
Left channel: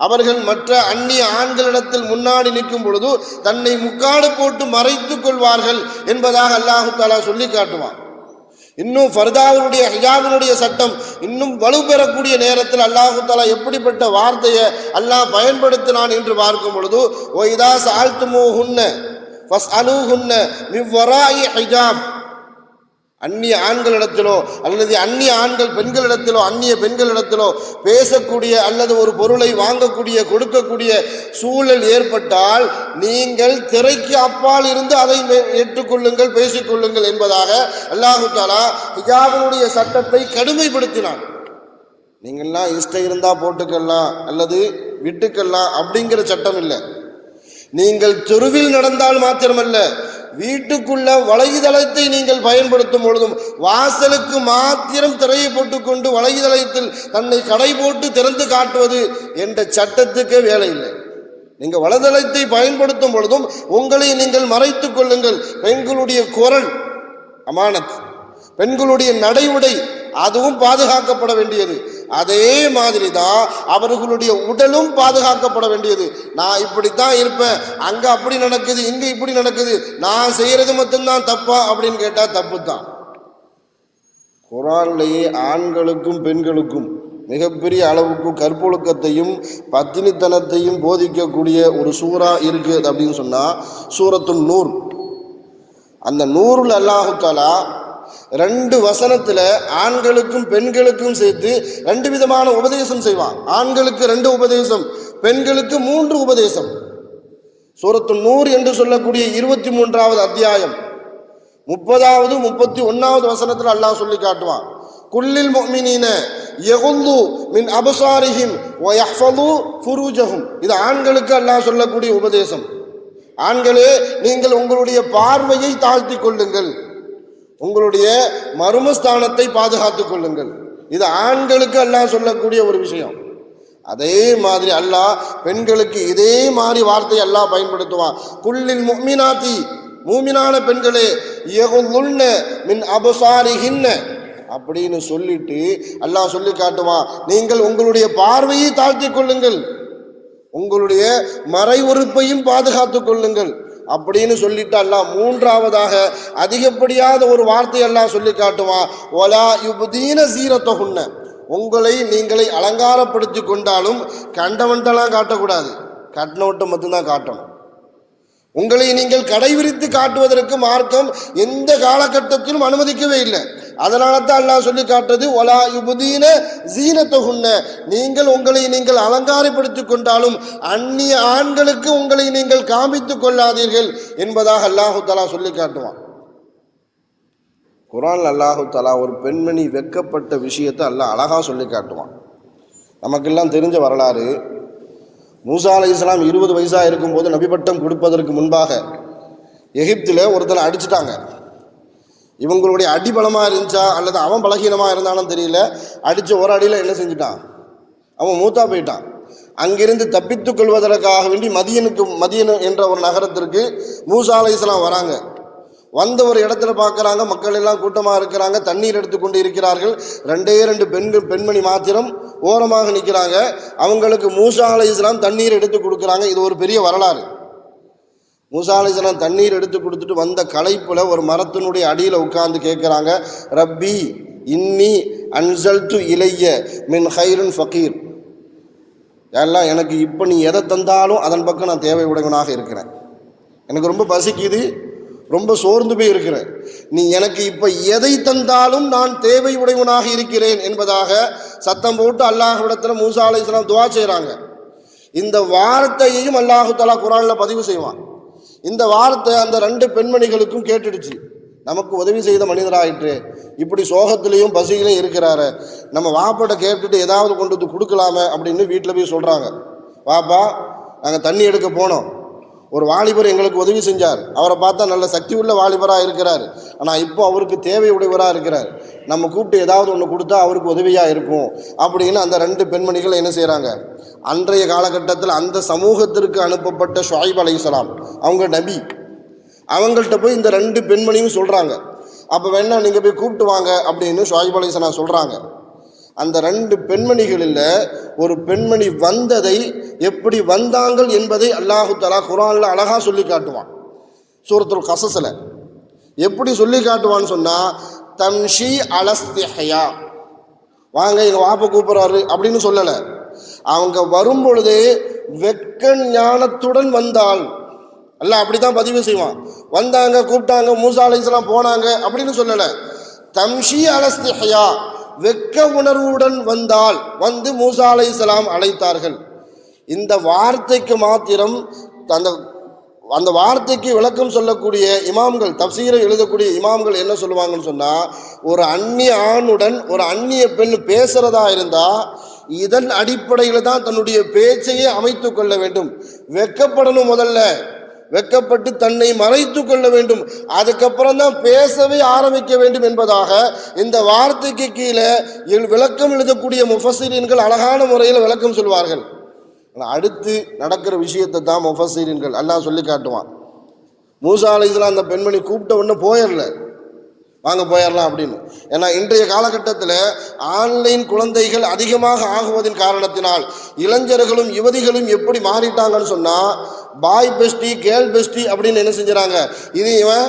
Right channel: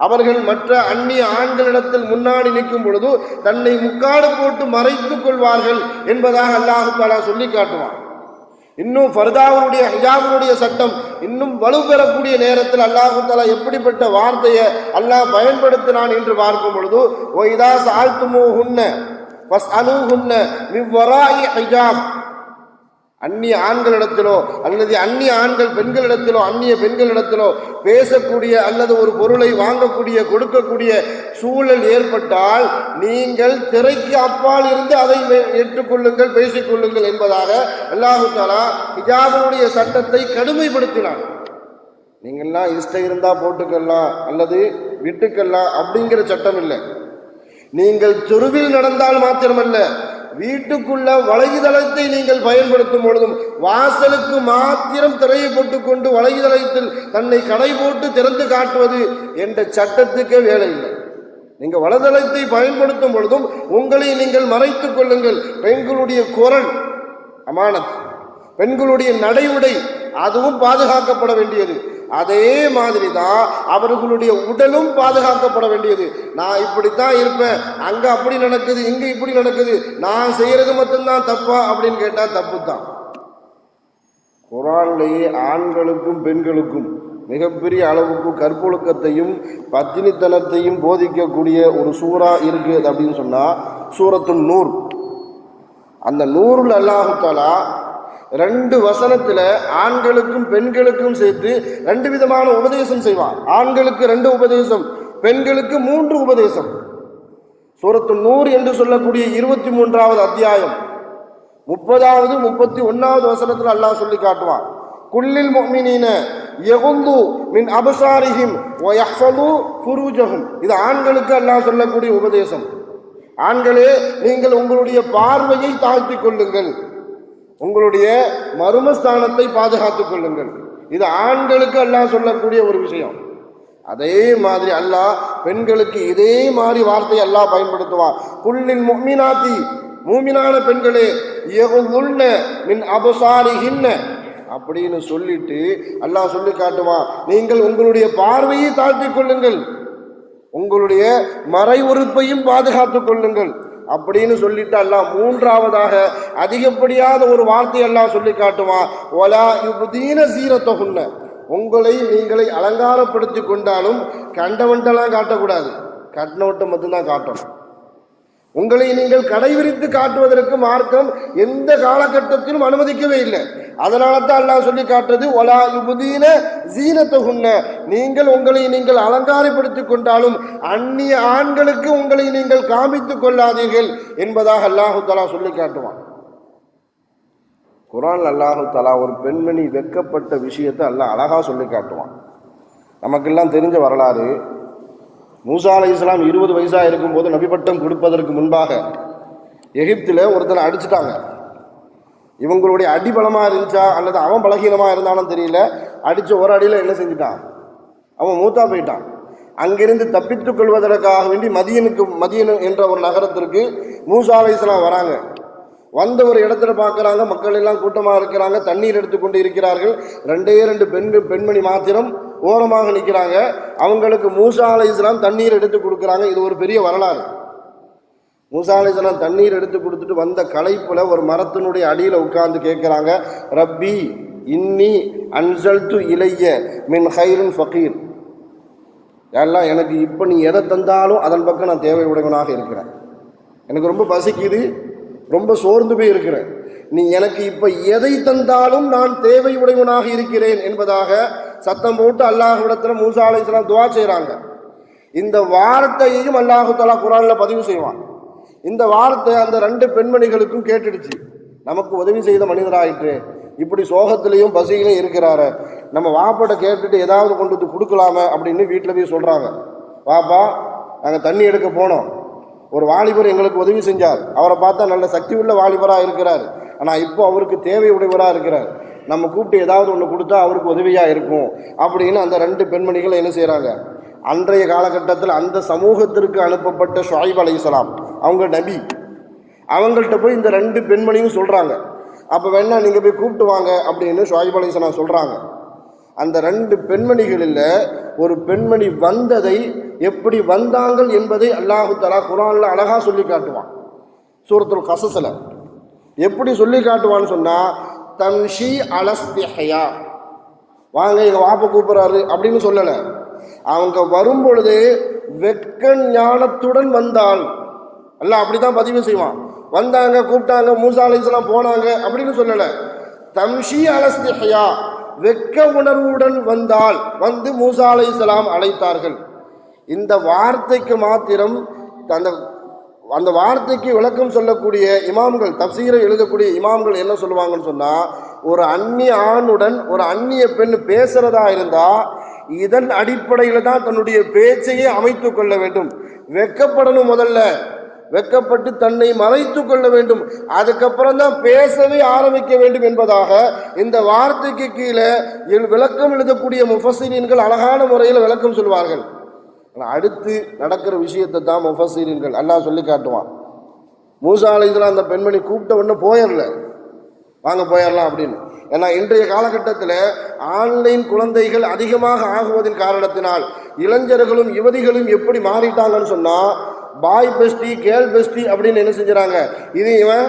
அவர்கள் மற்ற அந்நிய ஆண்களிடத்தில் முன்னாடி நிற்கும் பொழுது தன்னை முக்காடு போட்டு மறைத்துக் கொள்வார்கள் என்பதாக அல்லாஹு தஆலா சொல்லி காட்டுவான். இன்னும் ஃபர்தாவுடைய ஹிஜாபினுடைய சட்டம் இன்னும் வலுப்பெறக்கூடிய நேரத்தில் அல்லாஹு தஆலா எப்படிப்பட்ட வார்த்தையை அல்லாஹ் பயன்படுத்தினான் என்று பார்க்கும் பொழுது ஒய்தா சால்துமூஹுன்ன ஃபஸ்அலூஹுன்ன மின் வராஇ ஹிஜாப், அந்நிய ஆண்களிடத்திலோ அல்லது அந்நிய ஆண்கள் பெண்களிடத்திலோ அந்நிய பெண்களிடத்திலோ பேசக்கூடிய அல்லது ஒரு பொருளை வாங்கக்கூடிய கொடுக்கக்கூடிய சூழல் ஏற்பட்டால் நீங்கள் திரைக்கு அப்பால் இருந்து அதை ஏற்றுக்கொள்ளுங்கள், பேசிக்கொள்ளுங்கள் என்பதாக அல்லாஹு தஆலா ஹிஜாபுடைய சட்டத்தை கடுமைப்படுத்தினான். நீங்கள்லாம் இஷ்டம் இருந்தால் போட்டுக்கலாம் அல்லது விட்டுக்கலாம் அப்படிங்கிற சட்டம் இல்லை. நீங்கள் தெருவில் நடந்தால் மாத்திரமல்ல, வீட்டுக்குள்ள வலைதளத்தை நீங்கள் பயன்படுத்தும் பொழுதும் வாசலுக்கு மாத்திரம் திரையை போட்டுக்கொண்டு வலைதளத்தில் தன்னை கடை போட்டு திறந்து காட்டுவது என்ற சட்டத்துக்கே வேலை இல்லை. நீங்கள் வலைதளத்தை பயன்படுத்தும் பொழுதும் உங்களை நீங்கள் மறைத்துக் கொள்ளுங்கள். பெண்களுடைய குரல் அமானத், பெண்களுடைய நடை உடை அதுவும் பாதுகாக்கப்பட வேண்டியது. அதே மாதிரி தான் அவர்களுடைய உடலும் பாதுகாக்கப்பட வேண்டியது. நான் இப்படித்தான் இருப்பேன், அங்க அப்படி நடக்குது, இங்க இப்படி நடக்குது, நான் செய்யறது மட்டும்தான் தப்பா அப்படின்னு கேட்டா தப்பு தான். குர்ஆனிலேயே ஆண்களுக்கும் பெண்களுக்கும் மிகப்பெரிய அளவுக்கு கற்பொழுக்கத்தையும் பத்தினித்தனத்தையும் போதிக்கக்கூடிய ஒரு சூரா இருக்கு அப்படின்னு சொன்னா சூரத்துன் நூர். அந்த நூருல் அல்லாஹு தஆலா 2 வசனத்துல ஆண்களுக்கும் பெண்களுக்கும் சேர்த்து 2 விதமான உபதேசம் செய்வான். ஆண்களுக்கு 2 உபதேசம், பெண்களுக்கு 3 உபதேசம். சூரத்துன் நூர் என்று சொல்லக்கூடிய 23வது அத்தியாயம் 30வது 31வது வசனத்தில் அல்லாஹ் சொல்லி காட்டுவான். குல்லில் முஃமினீன யகுல்லு மின் அப்சாரிஹிம் வ யஹ்ஃபது ஃபுரூஜஹும். இது ஆண்களுக்கு அல்லாஹ் சொல்லக்கூடிய உபதேசம். ஆண்களே, நீங்கள் உங்களுடைய பார்வையை தாழ்த்திக் கொள்ளுங்கள், உங்களுடைய மர்மஸ்தானத்தை பாதுகாத்துக் கொள்ளுங்கள். இது ஆண்களுக்கு அல்லாஹ் சொல்லக்கூடிய ஒரு விஷயம். அதே மாதிரி அல்லாஹ் பெண்களுக்கு இதே மாதிரி வார்த்தை அல்லாஹ் பயன்படுத்துவான். குல்லில் முஃமினாத்தி, மூமினான பெண்களே, யகுல்லுன்ன மின் அப்சாரிஹின்ன அப்படின்னு சொல்லிட்டு அல்லாஹ் சொல்லி காட்டுவான், நீங்கள் உங்களுடைய பார்வையை தாழ்த்திக் கொள்ளுங்கள், உங்களுடைய மறை உறுப்பையும் பாதுகாத்துக் கொள்ளுங்கள் அப்படின்னு சொல்லிட்டு அல்லாஹ் 3வதாக அதிகப்படியாத ஒரு வார்த்தை அல்லாஹ் சொல்லி காட்டுவான். ஒலா யுப்தீன ஸீரத்தஹுன்ன, உங்களை நீங்களை அலங்காரப்படுத்தி கொண்டாலும் கண்டவன்ட்டெல்லாம் காட்டக்கூடாது, கட்டினவட்ட மட்டும்தான் காட்டணும். உங்களை நீங்கள் கடைவிரித்து காட்டுவதற்கு மார்க்கம் எந்த காலகட்டத்திலும் அனுமதிக்கவே இல்லை. அதனால தான் அல்லாஹ் சொல்லி காட்டுறது ஒலா யுப்தீன ஸீனத்தஹுன்ன, நீங்கள் உங்களை நீங்கள் அலங்காரப்படுத்திக் கொண்டாலும் அந்நிய ஆண்களுக்கு உங்களை நீங்கள் காமித்துக் கொள்ளாதீர்கள் என்பதாக அல்லாஹு தஆலா சொல்லி காட்டுவான். குர்ஆன் அல்லாஹு தஆலா ஒரு பெண்மணி வெட்கப்பட்ட விஷயத்தை அல்லாஹ் அழகா சொல்லி காட்டுவான். நமக்கெல்லாம் தெரிஞ்ச வரலாறு, மூசா அலைஹிஸ்ஸலாம் 20 வயசாக இருக்கும்போது நபிப்பட்டம் கொடுப்பதற்கு முன்பாக எகிப்தில் ஒருத்தனை அடிச்சுட்டாங்க. இவங்களுடைய அடி பலமாக இருந்துச்சா அல்லது அவன் பலகீனமாக இருந்தாலும் தெரியல, அடித்த ஒரு அடியில் என்ன செஞ்சுட்டான், அவன் மூத்தா போயிட்டான். அங்கிருந்து தப்பித்துக் கொள்வதற்காக வேண்டி மதியன் என்ற ஒரு நகரத்திற்கு மூசா அலைஹிஸ்ஸலாம் வராங்க. வந்த ஒரு இடத்துல பார்க்குறாங்க, மக்கள் எல்லாம் கூட்டமாக இருக்கிறாங்க, தண்ணீர் எடுத்துக்கொண்டு இருக்கிறார்கள். 2 பெண்மணி மாத்திரம் ஓரமாக நிற்கிறாங்க. அவங்களுக்கு மூசா அலைஹிஸ்ஸலாம் தண்ணீர் எடுத்து கொடுக்குறாங்க. இது ஒரு பெரிய வரலாறு. மூசா அலைஹிஸ்ஸலாம் தண்ணீர் எடுத்து கொடுத்துட்டு வந்த களைப்புல ஒரு மரத்தினுடைய அடியில் உட்கார்ந்து கேட்குறாங்க, ரப்பி இன்னி அன்சல்து இலைய மின் ஹைரின் ஃபகீர், எல்லாம் எனக்கு இப்போ நீ எதை தந்தாலும் அதன் பக்கம் நான் தேவை உடையவனாக இருக்கிறேன். எனக்கு ரொம்ப பசிக்குது, ரொம்ப சோர்ந்து போய் இருக்கிறேன், நீ எனக்கு இப்போ எதை தந்தாலும் நான் தேவை உடையவனாக இருக்கிறேன் என்பதாக சத்தம் போட்டு அல்லாஹ்விடத்தில் மூசா அலைஹிஸ்ஸலாம் துஆ செய்கிறாங்க. இந்த வார்த்தையையும் அல்லாஹு தஆலா குர்ஆனில் பதிவு செய்வான். இந்த வார்த்தை அந்த 2 பெண்மணிகளுக்கும் கேட்டுடுச்சு. நமக்கு உதவி செய்த மனிதராகிட்டு இப்படி சோகத்திலையும் பசியிலையும் இருக்கிறாரு, நம்ம வாப்பாட்ட கேட்டுட்டு ஏதாவது கொண்டு வந்து கொடுக்கலாமே அப்படின்னு வீட்டில் போய் சொல்கிறாங்க. வாப்பா, நாங்கள் தண்ணி எடுக்க போனோம், ஒரு வாலிபர் எங்களுக்கு உதவி செஞ்சார், அவரை பார்த்தா நல்ல சக்தி உள்ள வாலிபராக இருக்கிறார், ஆனால் இப்போ அவருக்கு தேவை உடையவராக இருக்கிறார், நம்ம கூப்பிட்டு ஏதாவது ஒன்று கொடுத்தா அவருக்கு உதவியாக இருக்கும் அப்படின்னு அந்த 2 பெண்மணிகள் என்ன செய்கிறாங்க, அன்றைய காலகட்டத்தில் அந்த சமூகத்திற்கு அனுப்பப்பட்ட ஷுஐப் அலைஹிஸ்ஸலாம் அவங்க நபி, அவங்கள்ட்ட போய் இந்த 2 பெண்மணியும் சொல்கிறாங்க. அப்போ வேணா நீங்கள் போய் கூப்பிட்டு வாங்க அப்படின்னு ஷுஐப் அலைஹிஸ்ஸலாம் சொல்கிறாங்க. அந்த 2 பெண்மணிகளில் ஒரு பெண்மணி வந்ததை, எப்படி வந்தாங்கள் என்பதை அல்லாஹு தஆலா குர்ஆனில் அழகாக சொல்லி காட்டுவான். சூரத்துல் கஸஸில் எப்படி சொல்லி காட்டுவான்னு சொன்னால், தம்ஷி அலஸ்திஹயா, வாங்க எங்கள் வாப்பை கூப்பிட்றாரு அப்படின்னு சொல்லலை. அவங்க வரும் பொழுது வெட்க ஞானத்துடன் வந்தாள். அல்லாஹ் அப்படி தான் பதிவு செய்வான். வந்தாங்க, கூப்பிட்டாங்க, மூசா அலைஹிஸ்ஸலாம் போனாங்க அப்படின்னு சொல்லலை. தம்ஷி அலஸ்திஹயா, வெட்க உணர்வுடன் வந்தால், வந்து மூசா அலைஹிஸ்ஸலாம் அழைத்தார்கள். இந்த வார்த்தைக்கு மாத்திரம் அந்த வார்த்தைக்கு விளக்கம் சொல்லக்கூடிய இமாம்கள், தப்சீரை எழுதக்கூடிய இமாம்கள் என்ன சொல்லுவாங்கன்னு சொன்னால், ஒரு அந்நிய ஆணுடன் ஒரு அந்நிய பெண் பேசுகிறதா இருந்தால் இதன் அடிப்படையில் தான் தன்னுடைய பேச்சையே அமைத்து கொள்ள வேண்டும். வெட்கப்படணும், முதல்ல வெட்கப்பட்டு தன்னை மறைத்து கொள்ள வேண்டும், அதுக்கப்புறம் தான் பேசவே ஆரம்பிக்க வேண்டும் என்பதாக இந்த வார்த்தைக்கு கீழே விளக்கம் எழுதக்கூடிய முஃபஸ்ஸிரீன்கள் அழகான முறையில் விளக்கம் சொல்வார்கள். அடுத்து நடக்கிற விஷயத்தை தான் முஃபஸ்ஸிரீன்கள் அல்லாஹ் சொல்லி காட்டுவான். மூசா அலைஹிஸ்ஸலாம் அந்த பெண்மணி கூப்பிட்ட உடனே போயிடல, வாங்க போயிடலாம் அப்படின்னு. ஏன்னா இன்றைய காலகட்டத்தில் ஆன்லைன் குழந்தைகள் அதிகமாக ஆகுவதின் காரணத்தினால் இளைஞர்களும் யுவதிகளும் எப்படி மாறிட்டாங்கன்னு சொன்னால், பாய் பெஸ்டி கேர்ள் பெஸ்டி அப்படின்னு என்ன செஞ்சுறாங்க, இது இவன்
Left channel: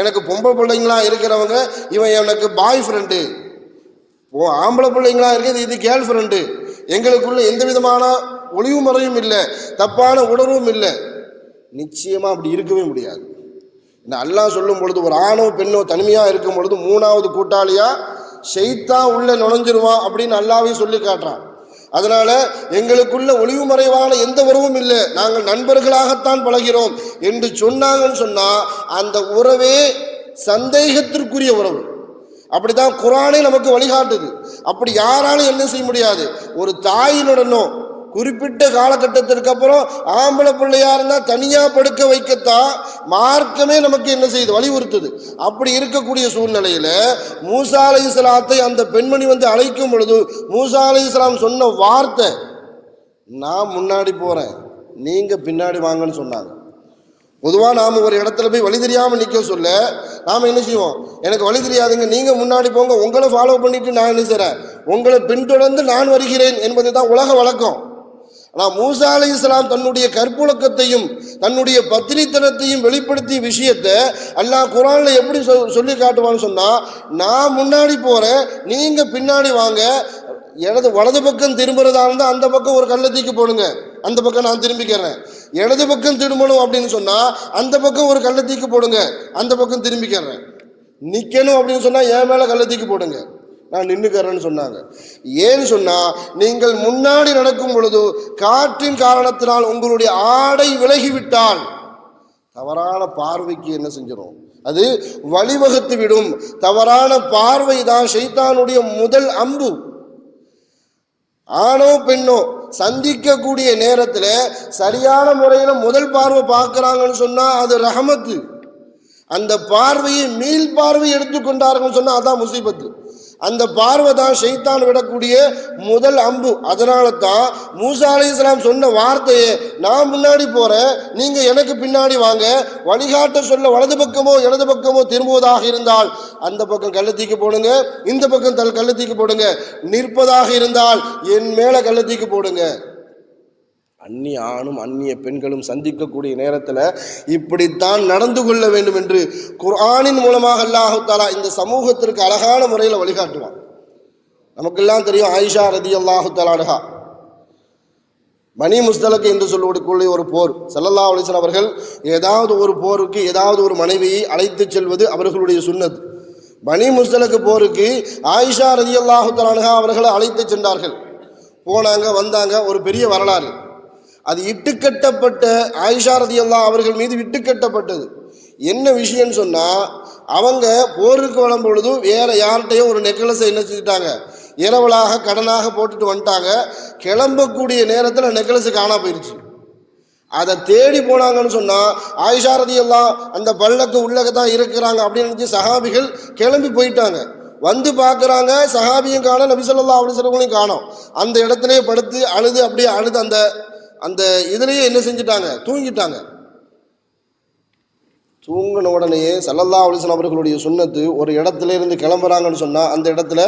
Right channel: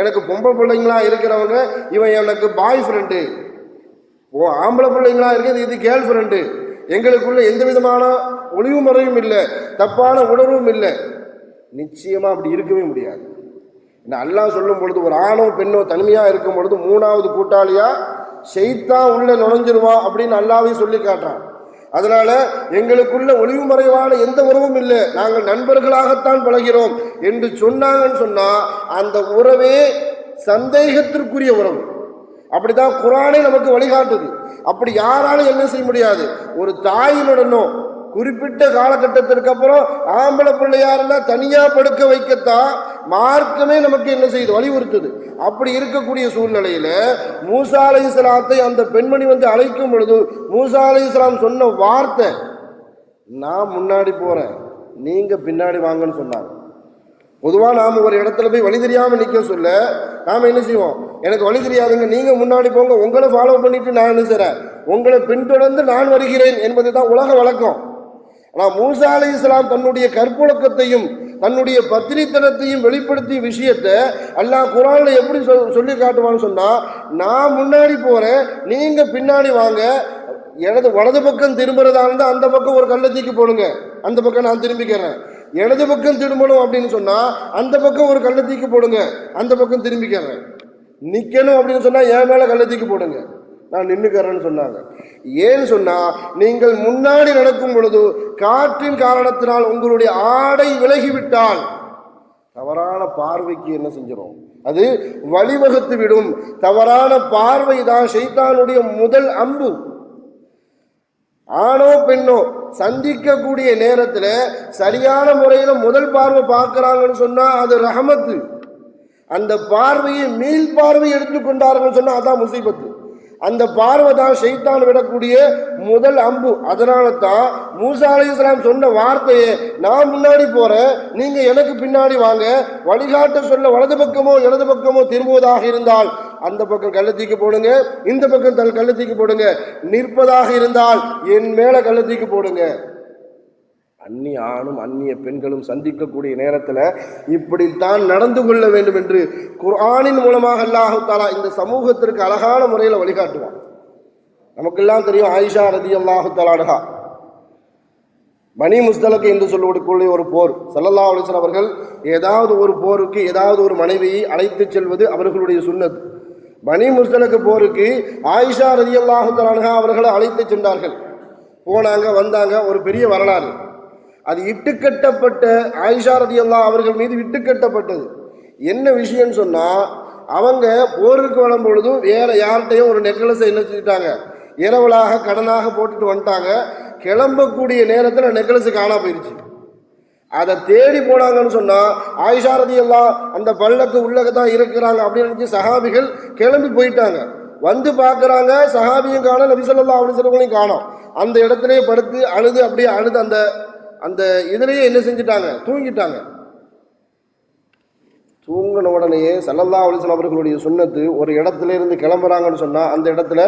எனக்கு பொம்பளை பிள்ளைங்களா இருக்கிறவங்க, இவன் எனக்கு பாய் ஃப்ரெண்டு, ஆம்பளை பிள்ளைங்களா இருக்குது இது கேர்ள் ஃப்ரெண்டு, எங்களுக்குள்ள எந்த விதமான ஒளிவு முறையும் இல்லை, தப்பான உணர்வும் இல்லை. நிச்சயமாக அப்படி இருக்கவே முடியாது. இந்த அல்லாஹ் சொல்லும் பொழுது ஒரு ஆணோ பெண்ணோ தனிமையாக இருக்கும் பொழுது 3வது கூட்டாளியாக ஷைத்தான் உள்ள நுழைஞ்சிருவான் அப்படின்னு அல்லாஹ்வே சொல்லி காட்டுறான். அதனால எங்களுக்குள்ள ஒளிவு மறைவான எந்த உறவும் இல்லை, நாங்கள் நண்பர்களாகத்தான் பழகிறோம் என்று சொன்னாங்கன்னு சொன்னால் அந்த உறவே சந்தேகத்திற்குரிய உறவு. அப்படிதான் குர்ஆனே நமக்கு வழிகாட்டுது. அப்படி யாராலும் என்ன செய்ய முடியாது. ஒரு தாயினுடனோ குறிப்பிட்ட காலகட்டத்திற்கு அப்புறம் ஆம்பளை பிள்ளையா இருந்தால் தனியாக படுக்க வைக்கத்தான் மார்க்கமே நமக்கு என்ன செய்யுது, வலியுறுத்துது. அப்படி இருக்கக்கூடிய சூழ்நிலையில் மூசா அலைஹிஸ்ஸலாத்தை அந்த பெண்மணி வந்து அழைக்கும் பொழுது மூசா அலைஹிஸ்ஸலாம் சொன்ன வார்த்தை, நான் முன்னாடி போகிறேன், நீங்கள் பின்னாடி வாங்கன்னு சொன்னாங்க. பொதுவாக நாம் ஒரு இடத்துல போய் வழி தெரியாமல் நிற்க சொல்ல நாம் என்ன செய்வோம், எனக்கு வழி தெரியாதுங்க, நீங்கள் முன்னாடி போங்க, உங்களை ஃபாலோ பண்ணிட்டு நான் என்ன செய்கிறேன், உங்களை பின்தொடர்ந்து நான் வருகிறேன் என்பது தான் உலக வழக்கம். ஆனால் மூசா அலைஹிஸ்ஸலாம் தன்னுடைய கற்புழக்கத்தையும் தன்னுடைய பத்திரித்தனத்தையும் வெளிப்படுத்திய விஷயத்தை அல்லாஹ் குர்ஆனில் எப்படி சொல்லி காட்டுவான்னு சொன்னால், நான் முன்னாடி போகிறேன், நீங்கள் பின்னாடி வாங்க, வலது பக்கம் திரும்புறதா இருந்தால் அந்த பக்கம் ஒரு கல்லை தூக்கி போடுங்க, அந்த பக்கம் நான் திரும்பிக்கிறேன். இடது பக்கம் திரும்பணும் அப்படின்னு சொன்னால் அந்த பக்கம் ஒரு கல்லை தூக்கி போடுங்க, அந்த பக்கம் திரும்பிக்கிறேன். நிற்கணும் அப்படின்னு சொன்னால் என் மேலே கல்லை தூக்கி போடுங்க, நான் நின்றுக்கிறேன்னு சொன்னாங்க. ஏன்னு சொன்னால், நீங்கள் முன்னாடி நடக்கும் பொழுது காற்றின் காரணத்தினால் உங்களுடைய ஆடை விலகிவிட்டால் தவறான பார்வைக்கு என்ன செஞ்சிடும், அது வழிவகுத்து விடும். தவறான பார்வை தான் ஷைத்தானுடைய முதல் அம்பு. ஆணோ பெண்ணோ சந்திக்கக்கூடிய நேரத்தில் சரியான முறையில் முதல் பார்வை பார்க்குறாங்கன்னு சொன்னால் அது ரஹமத்து. அந்த பார்வையை மீள் பார்வை எடுத்துக்கொண்டார்கள் சொன்னால் அதான் முசீபத்து. அந்த பார்வை தான் ஷைத்தான் விடக்கூடிய முதல் அம்பு. அதனால தான் மூசா அலைஹிஸ்ஸலாம் சொன்ன வார்த்தையை, நான் முன்னாடி போகிறேன், நீங்கள் எனக்கு பின்னாடி வாங்க, வழிகாட்ட சொல்ல வலது பக்கமோ இடது பக்கமோ திரும்புவதாக இருந்தால் அந்த பக்கம் கல்லை தூக்கி போடுங்க, இந்த பக்கம் கல்லை தூக்கி போடுங்க, நிற்பதாக இருந்தால் என் மேலே கல்லை தூக்கி போடுங்க. அந்நிய ஆணும் அந்நிய பெண்களும் சந்திக்கக்கூடிய நேரத்தில் இப்படித்தான் நடந்து கொள்ள வேண்டும் என்று குர்ஆனின் மூலமாக அல்லாஹ் தஆலா இந்த சமூகத்திற்கு அழகான முறையில் வழிகாட்டுவான். நமக்கெல்லாம் தெரியும், ஆயிஷா ரலியல்லாஹு தஆலா அன்ஹா பனி முஸ்தலக் என்று சொல்லக்கூடிய ஒரு போர், ஸல்லல்லாஹு அலைஹி வஸல்லம் அவர்கள் ஏதாவது ஒரு போருக்கு ஏதாவது ஒரு மனைவியை அழைத்து செல்வது அவர்களுடைய சுன்னத். பனி முஸ்தலக் போருக்கு ஆயிஷா ரலியல்லாஹு தஆலா அன்ஹா அவர்களை அழைத்து சென்றார்கள். போனாங்க, வந்தாங்க. ஒரு பெரிய வரலாறு. அது இட்டுக்கட்டப்பட்ட ஆயிஷா ரலியல்லாஹு அவர்கள் மீது இட்டுக்கட்டப்பட்டது. என்ன விஷயம்னு சொன்னால், அவங்க போருக்கு வரும் பொழுது வேறு யார்கிட்டையும் ஒரு நெக்லஸை என்ன செஞ்சுட்டாங்க, இரவலாக கடனாக போட்டுட்டு வந்துட்டாங்க. கிளம்பக்கூடிய நேரத்தில் நெக்லஸு காணாம போயிடுச்சு. அதை தேடி போனாங்கன்னு சொன்னால், ஆயிஷா ரலியல்லாஹு அந்த பல்லக்கு உள்ளக தான் இருக்கிறாங்க அப்படின்னு நினச்சி சஹாபிகள் கிளம்பி போயிட்டாங்க. வந்து பார்க்குறாங்க, சஹாபியும் காணோம், நபி ஸல்லல்லாஹு அலைஹி வஸல்லம் காணோம். அந்த இடத்துலையே படுத்து அழுது, அப்படியே அழுது அந்த அந்த இதுலேயே என்ன செஞ்சிட்டாங்க, தூங்கிட்டாங்க. தூங்கின உடனேயே ஸல்லல்லாஹு அலைஹி வஸல்லம் அவர்களுடைய சுன்னத்து, ஒரு இடத்துல இருந்து கிளம்புறாங்கன்னு சொன்னால் அந்த இடத்துல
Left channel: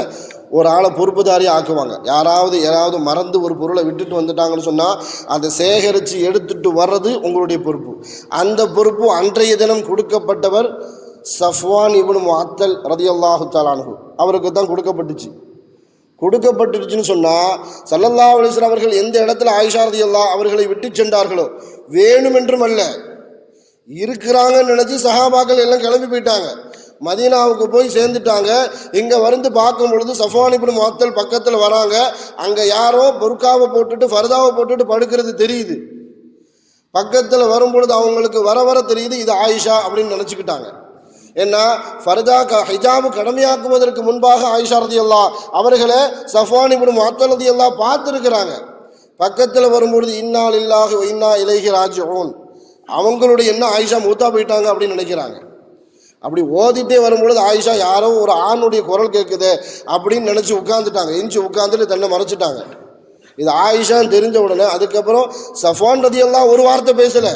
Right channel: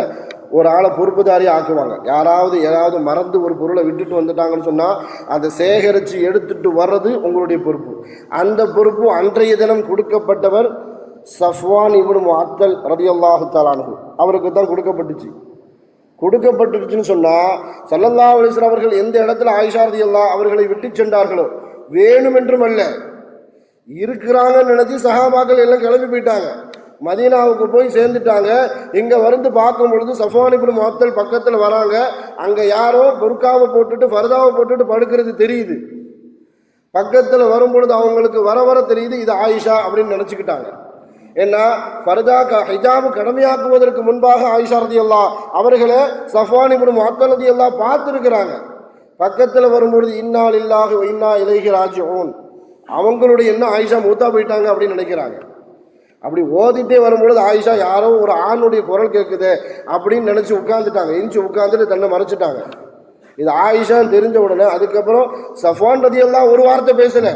ஒரு ஆளை பொறுப்புதாரி ஆக்குவாங்க. யாராவது மறந்து ஒரு பொருளை விட்டுட்டு வந்துட்டாங்கன்னு சொன்னால் அதை சேகரித்து எடுத்துட்டு வர்றது உங்களுடைய பொறுப்பு. அந்த பொறுப்பு அன்றைய தினம் கொடுக்கப்பட்டவர் சஃப்வான் இப்னு முஅத்தல் ரலியல்லாஹு தஆலா அன்ஹு அவருக்கு தான் கொடுக்கப்பட்டுச்சுன்னு சொன்னால், ஸல்லல்லாஹு அலைஹி வஸல்லம் அவர்கள் எந்த இடத்துல ஆயிஷா ரலியல்லாஹு அவர்களை விட்டு சென்றார்களோ, வேணுமென்றும் அல்ல, இருக்கிறாங்கன்னு நினச்சி சஹாபாக்கள் எல்லாம் கிளம்பி போயிட்டாங்க. மதீனாவுக்கு போய் சேர்ந்துட்டாங்க. இங்கே வந்து பார்க்கும் பொழுது சஃப்வான் இப்னு முஅத்தல் பக்கத்தில் வராங்க. அங்கே யாரோ புர்காவை போட்டுட்டு ஃபர்தாவை போட்டுட்டு படுக்கிறது தெரியுது. பக்கத்தில் வரும் பொழுது அவங்களுக்கு வர தெரியுது இது ஆயிஷா அப்படின்னு நினச்சிக்கிட்டாங்க. ஏன்னா ஃபர்தா ஹிஜாபு கடமையாக்குவதற்கு முன்பாக ஆயிஷா ரலியல்லாஹு அவர்களை சஃப்வான் இப்னு முஅத்தல் ரலியல்லாஹு பார்த்துருக்கிறாங்க. பக்கத்தில் வரும்பொழுது இன்னா லில்லாஹி வ இன்னா இலைஹி ராஜிஊன், அவங்களுடைய என்ன ஆயிஷா மூத்தா போயிட்டாங்க அப்படின்னு நினைக்கிறாங்க. அப்படி ஓதிட்டே வரும்பொழுது ஆயிஷா யாரோ ஒரு ஆணுடைய குரல் கேட்குது அப்படின்னு நினச்சி உட்காந்துட்டாங்க. உட்காந்துட்டு தன்னை மறைச்சிட்டாங்க. இது ஆயிஷான்னு தெரிஞ்ச உடனே அதுக்கப்புறம் சஃப்வான் ரலியல்லாஹு ஒரு வார்த்தை பேசலை,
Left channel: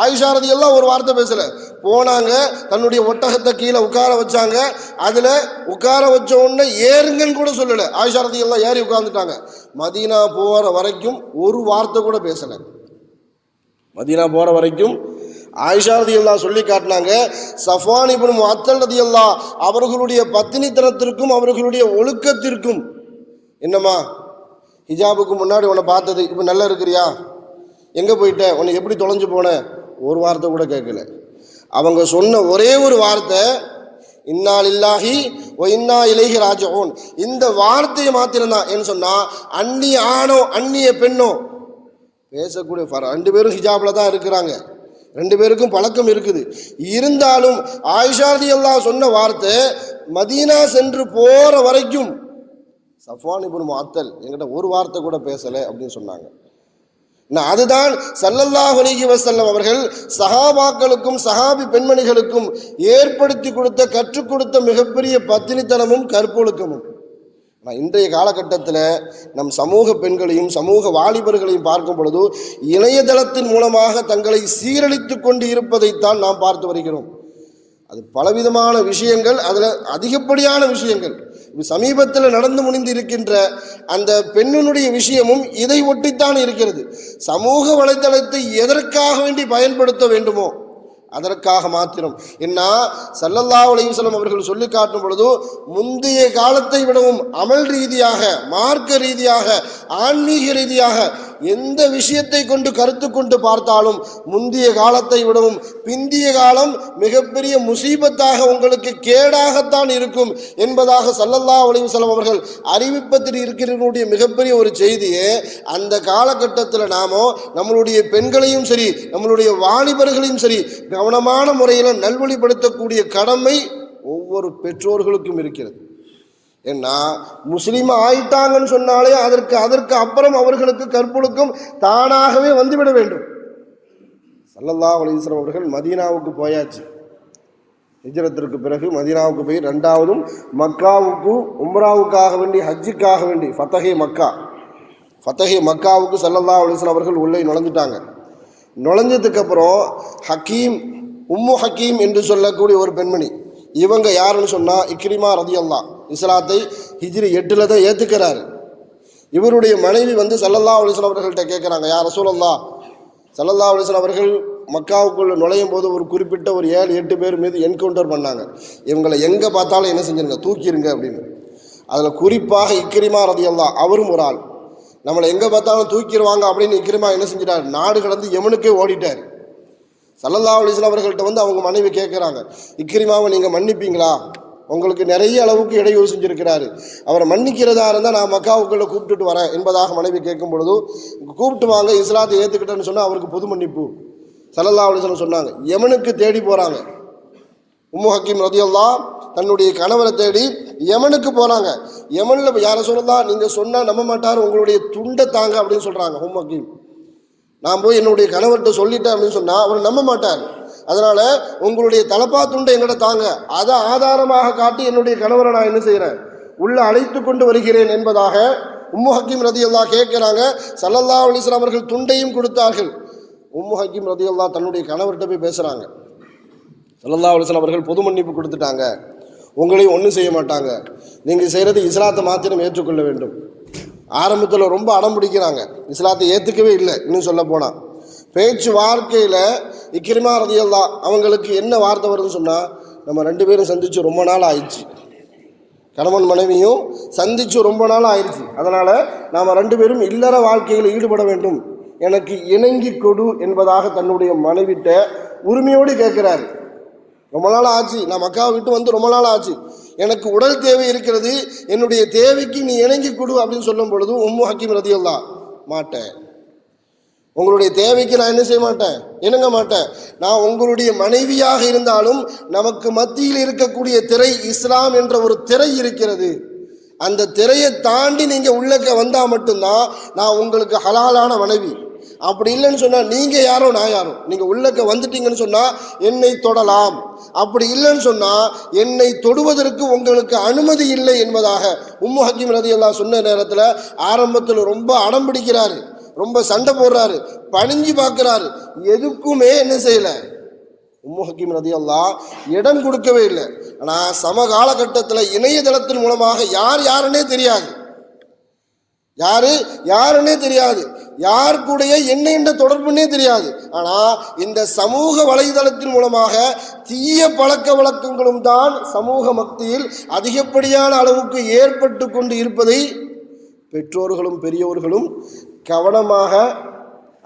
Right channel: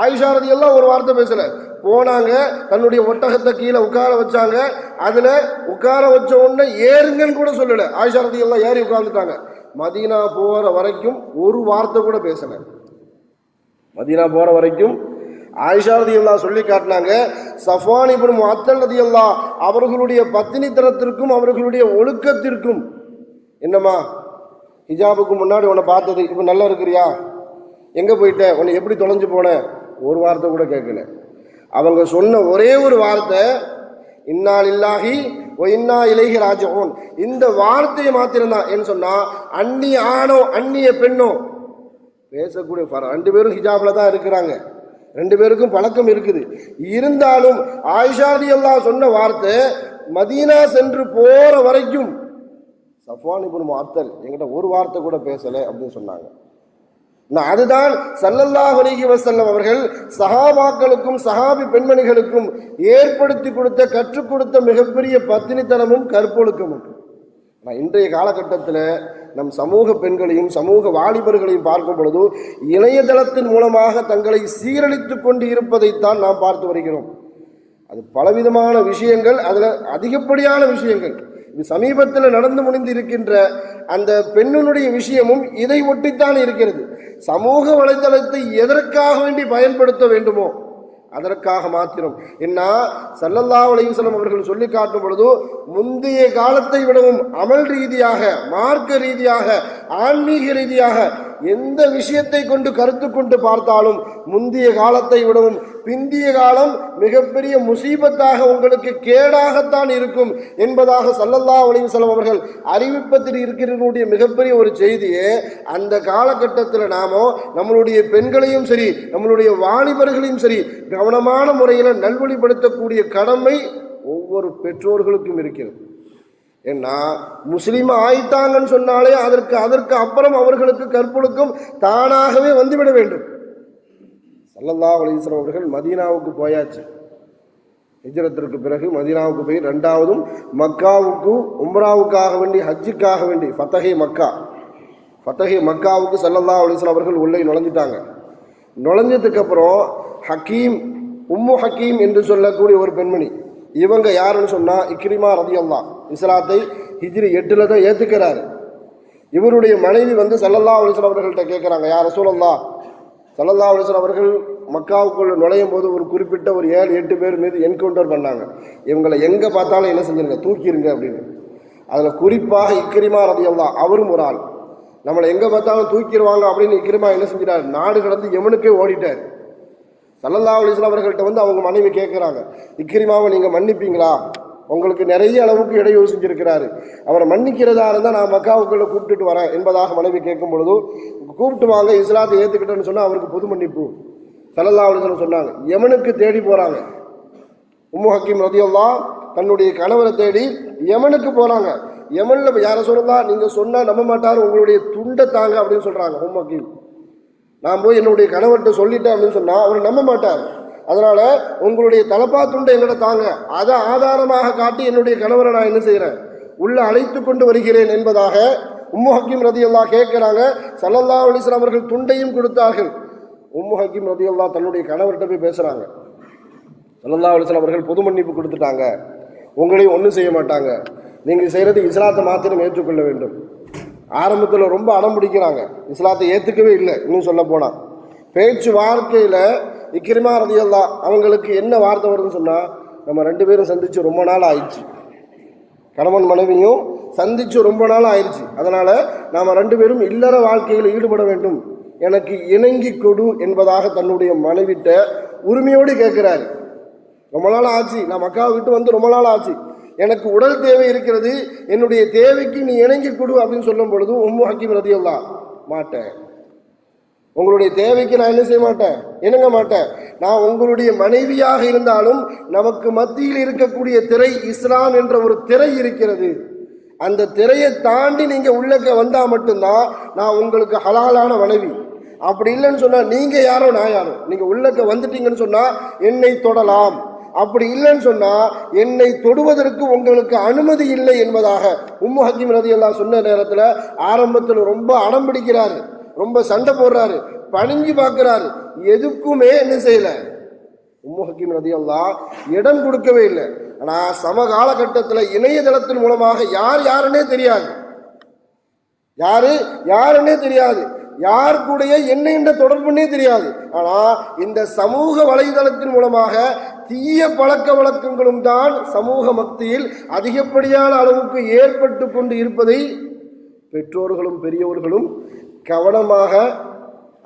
ஆயிஷா ரலியல்லாஹு ஒரு வார்த்தை பேசலை. போனாங்க, தன்னுடைய ஒட்டகத்தை கீழே உட்கார வச்சாங்க. அதில் உட்கார வச்ச உடனே ஏறுங்கன்னு கூட சொல்லலை. ஆயிஷா ரலியல்லாஹு ஏறி உட்காந்துட்டாங்க. மதீனா போகிற வரைக்கும் ஒரு வார்த்தை கூட பேசலை. மதீனா போகிற வரைக்கும் ஆயிஷா ரலியல்லாஹு சொல்லி காட்டினாங்க, சஃப்வான் இப்னு முஅத்தல் ரலியல்லாஹு அவர்களுடைய பத்தினித்தனத்திற்கும் அவர்களுடைய ஒழுக்கத்திற்கும், என்னம்மா ஹிஜாபுக்கு முன்னாடி உன்னை பார்த்தது, இப்போ நல்லா இருக்கிறியா, எங்கே போயிட்ட, உன்னை எப்படி தொலைஞ்சு போன, ஒரு வார்த்தை கூட கேட்கல. அவங்க சொன்ன ஒரே ஒரு வார்த்தை இன்னா லில்லாஹி வ இன்னா இலைஹி ராஜிஊன். இந்த வார்த்தையை மாத்திரம்தான். என்ன சொன்னால், அந்நிய ஆணோ அந்நிய பெண்ணோ பேசக்கூடிய ரெண்டு பேரும் ஹிஜாபில் தான் இருக்கிறாங்க, ரெண்டு பேருக்கும் பழக்கம் இருக்குது. இருந்தாலும் ஆயிஷா ரலியல்லாஹு சொன்ன வார்த்தை மதீனா சென்று போகிற வரைக்கும் சஃப்வான் இப்னு முஅத்தல் என்கிட்ட ஒரு வார்த்தை கூட பேசலை அப்படின்னு சொன்னாங்க. அதுதான் ஸல்லல்லாஹு அலைஹி வஸல்லம் அவர்கள் சஹாபாக்களுக்கும் சஹாபி பெண்மணிகளுக்கும் ஏற்படுத்தி கொடுத்த கற்றுக் கொடுத்த மிகப்பெரிய பத்தினித்தனமும் கற்பொழுக்கமும். இன்றைய காலகட்டத்தில் நம் சமூக பெண்களையும் சமூக வாலிபர்களையும் பார்க்கும் பொழுது இணையதளத்தின் மூலமாக தங்களை சீரழித்து கொண்டு இருப்பதைத்தான் நாம் பார்த்து வருகிறோம். அது பலவிதமான விஷயங்கள், அதில் அதிகப்படியான விஷயங்கள். சமீபத்தில் நடந்து முடிந்து இருக்கின்ற அந்த பெண்ணினுடைய விஷயமும் இதை ஒட்டித்தான் இருக்கிறது. சமூக வலைதளத்தை எதற்காக வேண்டி பயன்படுத்த வேண்டுமோ அதற்காக மாத்திரம். என்ன ஸல்லல்லாஹு அலைஹி வஸல்லம் அவர்கள் சொல்லி காட்டும் பொழுது, முந்தைய காலத்தை விடவும் அமல் ரீதியாக, மார்க்க ரீதியாக, ஆன்மீக ரீதியாக எந்த விஷயத்தை கொண்டு கருத்து கொண்டு பார்த்தாலும் முந்தைய காலத்தை விடவும் பிந்திய காலம் மிகப்பெரிய முசீபத்தாக உங்களுக்கு கேடாகத்தான் இருக்கும் என்பதாக ஸல்லல்லாஹு அலைஹி வஸல்லம் அவர்கள் அறிவிப்பத்தில் இருக்கிறனுடைய மிகப்பெரிய ஒரு செய்தியே. அந்த காலகட்டத்தில் நாமோ நம்மளுடைய பெண்களையும் சரி நம்மளுடைய வாலிபர்களையும் சரி கவனமான முறையில் நல்வழிப்படுத்தக்கூடிய கடமை ஒவ்வொரு பெற்றோர்களுக்கும் இருக்கிறது. ஏன்னா முஸ்லீம் ஆயிட்டாங்கன்னு சொன்னாலே அதற்கு அப்புறம் அவர்களுக்கு கற்பொழுக்கம் தானாகவே வந்துவிட வேண்டும். ஸல்லல்லாஹு அலைஹி வஸல்லம் அவர்கள் மதீனாவுக்கு போயாச்சு. ஹிஜ்ரத்திற்கு பிறகு மதீனாவுக்கு போய் ரெண்டாவதும் மக்காவுக்கு உம்ராவுக்காக வேண்டி ஹஜ்ஜுக்காக வேண்டி ஃபத்தஹே மக்காவுக்கு ஸல்லல்லாஹு அலைஹி வஸல்லம் அவர்கள் உள்ளே நுழைஞ்சிட்டாங்க. நுழைஞ்சதுக்கப்புறம் உம்மு ஹக்கீம் என்று சொல்லக்கூடிய ஒரு பெண்மணி, இவங்க யாருன்னு சொன்னால் இக்ரிமா ரலியல்லாஹு, இஸ்லாத்தை ஹிஜ்ரி 8 தான் ஏற்றுக்கிறாரு. இவருடைய மனைவி ஸல்லல்லாஹு அலைஹி வஸல்லம் அவர்கள்ட்ட கேட்குறாங்க, யா ரசூலல்லாஹ், ஸல்லல்லாஹு அலைஹி வஸல்லம் அவர்கள் மக்காவுக்குள்ள நுழையும் போது ஒரு குறிப்பிட்ட ஒரு 7-8 பேர் மீது என்கவுண்டர் பண்ணாங்க, இவங்களை எங்கே பார்த்தாலும் என்ன செஞ்சிருங்க, தூக்கிடுங்க அப்படின்னு. அதில் குறிப்பாக இக்ரிமா ரலியல்லாஹு அவரும் ஒரு ஆள். நம்மளை எங்கே பார்த்தாலும் தூக்கிடுவாங்க அப்படின்னு இக்ரிமா என்ன செஞ்சிட்டார், நாடு கடந்து யமனுக்கே ஓடிட்டார். ஸல்லல்லாஹு அலைஹி வஸல்லம் அவர்கள்ட்ட அவங்க மனைவி கேட்குறாங்க, இக்ரிமாவை நீங்கள் மன்னிப்பீங்களா, உங்களுக்கு நிறைய அளவுக்கு இடையூறு செஞ்சிருக்கிறாரு, அவரை மன்னிக்கிறதா இருந்தால் நான் மக்காவுக்குள்ளே கூப்பிட்டுட்டு வரேன் என்பதாக மனைவி கேட்கும் பொழுது, கூப்பிட்டு வாங்க, இஸ்லாத்தை ஏற்றுக்கிட்டேன்னு சொன்னால் அவருக்கு பொது மன்னிப்பு ஸல்லல்லாஹு அலைஹி வஸல்லம் சொன்னாங்க. யமனுக்கு தேடி போகிறாங்க. உம்மு ஹக்கீம் ரலியல்லாஹு தன்னுடைய கணவரை தேடி யமனுக்கு போகிறாங்க. யமனில் யாரை சொல்லலாம், நீங்கள் சொன்னால் நம்ப மாட்டார், உங்களுடைய துண்டை தாங்க அப்படின்னு சொல்கிறாங்க உம்மு ஹக்கீம். நான் போய் என்னுடைய கணவர்கிட்ட சொல்லிட்டேன் அப்படின்னு சொன்னால் அவர் நம்ப மாட்டார். அதனால் உங்களுடைய தலப்பா துண்டை எங்கிட்ட தாங்க, அதை ஆதாரமாக காட்டி என்னுடைய கணவரை நான் என்ன செய்கிறேன், உள்ளே அழைத்து கொண்டு வருகிறேன் என்பதாக உம்மு ஹக்கீம் ரலியல்லாஹு கேட்குறாங்க. ஸல்லல்லாஹு அலைஹி வஸல்லம் அவர்கள் துண்டையும் கொடுத்தார்கள். உம்மு ஹக்கீம் ரலியல்லாஹு தன்னுடைய கணவர்கிட்ட போய் பேசுகிறாங்க. ஸல்லல்லாஹு அலைஹி வஸல்லம் அவர்கள் பொது மன்னிப்பு கொடுத்துட்டாங்க, உங்களையும் ஒன்றும் செய்ய மாட்டாங்க, நீங்கள் செய்கிறது இஸ்லாத்தை மாத்திரம் ஏற்றுக்கொள்ள வேண்டும். ஆரம்பத்தில் ரொம்ப அடம் பிடிக்கிறாங்க, இஸ்லாத்தை ஏற்றுக்கவே இல்லை. இன்னும் சொல்ல போனால் பேச்சு வார்த்தையில் இக்ரிமா ரலியல்லாஹு அவங்களுக்கு என்ன வார்த்தை வருதுன்னு சொன்னால், நம்ம ரெண்டு பேரும் சந்தித்து ரொம்ப நாள் ஆயிடுச்சு, கணவன் மனைவியும் சந்தித்து ரொம்ப நாள் ஆயிடுச்சு, அதனால் நாம் ரெண்டு பேரும் இல்லற வாழ்க்கையில் ஈடுபட வேண்டும், எனக்கு இணங்கி கொடு என்பதாக தன்னுடைய மனைவிட்ட உரிமையோடு கேட்குறாரு. ரொம்ப நாள் ஆச்சு, நான் மக்காவை விட்டு வந்து ரொம்ப நாள் ஆச்சு, எனக்கு உடல் தேவை இருக்கிறது, என்னுடைய தேவைக்கு நீ இணங்கி கொடு அப்படின்னு சொல்லும் பொழுது உம்மு ஹக்கீம் ரலியல்லாஹு மாட்டேன், உங்களுடைய தேவைக்கு நான் என்ன செய்ய மாட்டேன், இணங்க மாட்டேன். நான் உங்களுடைய மனைவியாக இருந்தாலும் நமக்கு மத்தியில் இருக்கக்கூடிய திரை இஸ்லாம் என்ற ஒரு திரை இருக்கிறது, அந்த திரையை தாண்டி நீங்கள் உள்ளக்க வந்தால் மட்டும்தான் நான் உங்களுக்கு ஹலாலான மனைவி. அப்படி இல்லைன்னு சொன்னால் நீங்கள் யாரோ நான் யாரோ, நீங்கள் உள்ளக்க வந்துட்டீங்கன்னு சொன்னால் என்னை தொடலாம், அப்படி இல்லைன்னு சொன்னால் என்னை தொடுவதற்கு உங்களுக்கு அனுமதி இல்லை என்பதாக உம்மு ஹக்கீம் ரலியல்லாஹு சொன்ன நேரத்தில் ஆரம்பத்தில் ரொம்ப அடம் பிடிக்கிறாரு, ரொம்ப சண்டை போடுறாரு, பணிஞ்சு பார்க்குறாரு, எதுக்குமே என்ன செய்யலை. உம்மு ஹக்கீம் ரலியல்லாஹு இடம் கொடுக்கவே இல்லை. ஆனால் சம காலகட்டத்தில் இணையதளத்தின் மூலமாக யாருன்னே தெரியாது, யாருன்னே தெரியாது, யார் கூடைய என்ன தொடர்புன்னே தெரியாது. ஆனால் இந்த சமூக வலைதளத்தின் மூலமாக தீய பழக்க வழக்கங்களும் தான் சமூக மத்தியில் அதிகப்படியான அளவுக்கு ஏற்பட்டு கொண்டு இருப்பதை பெற்றோர்களும் பெரியவர்களும் கவனமாக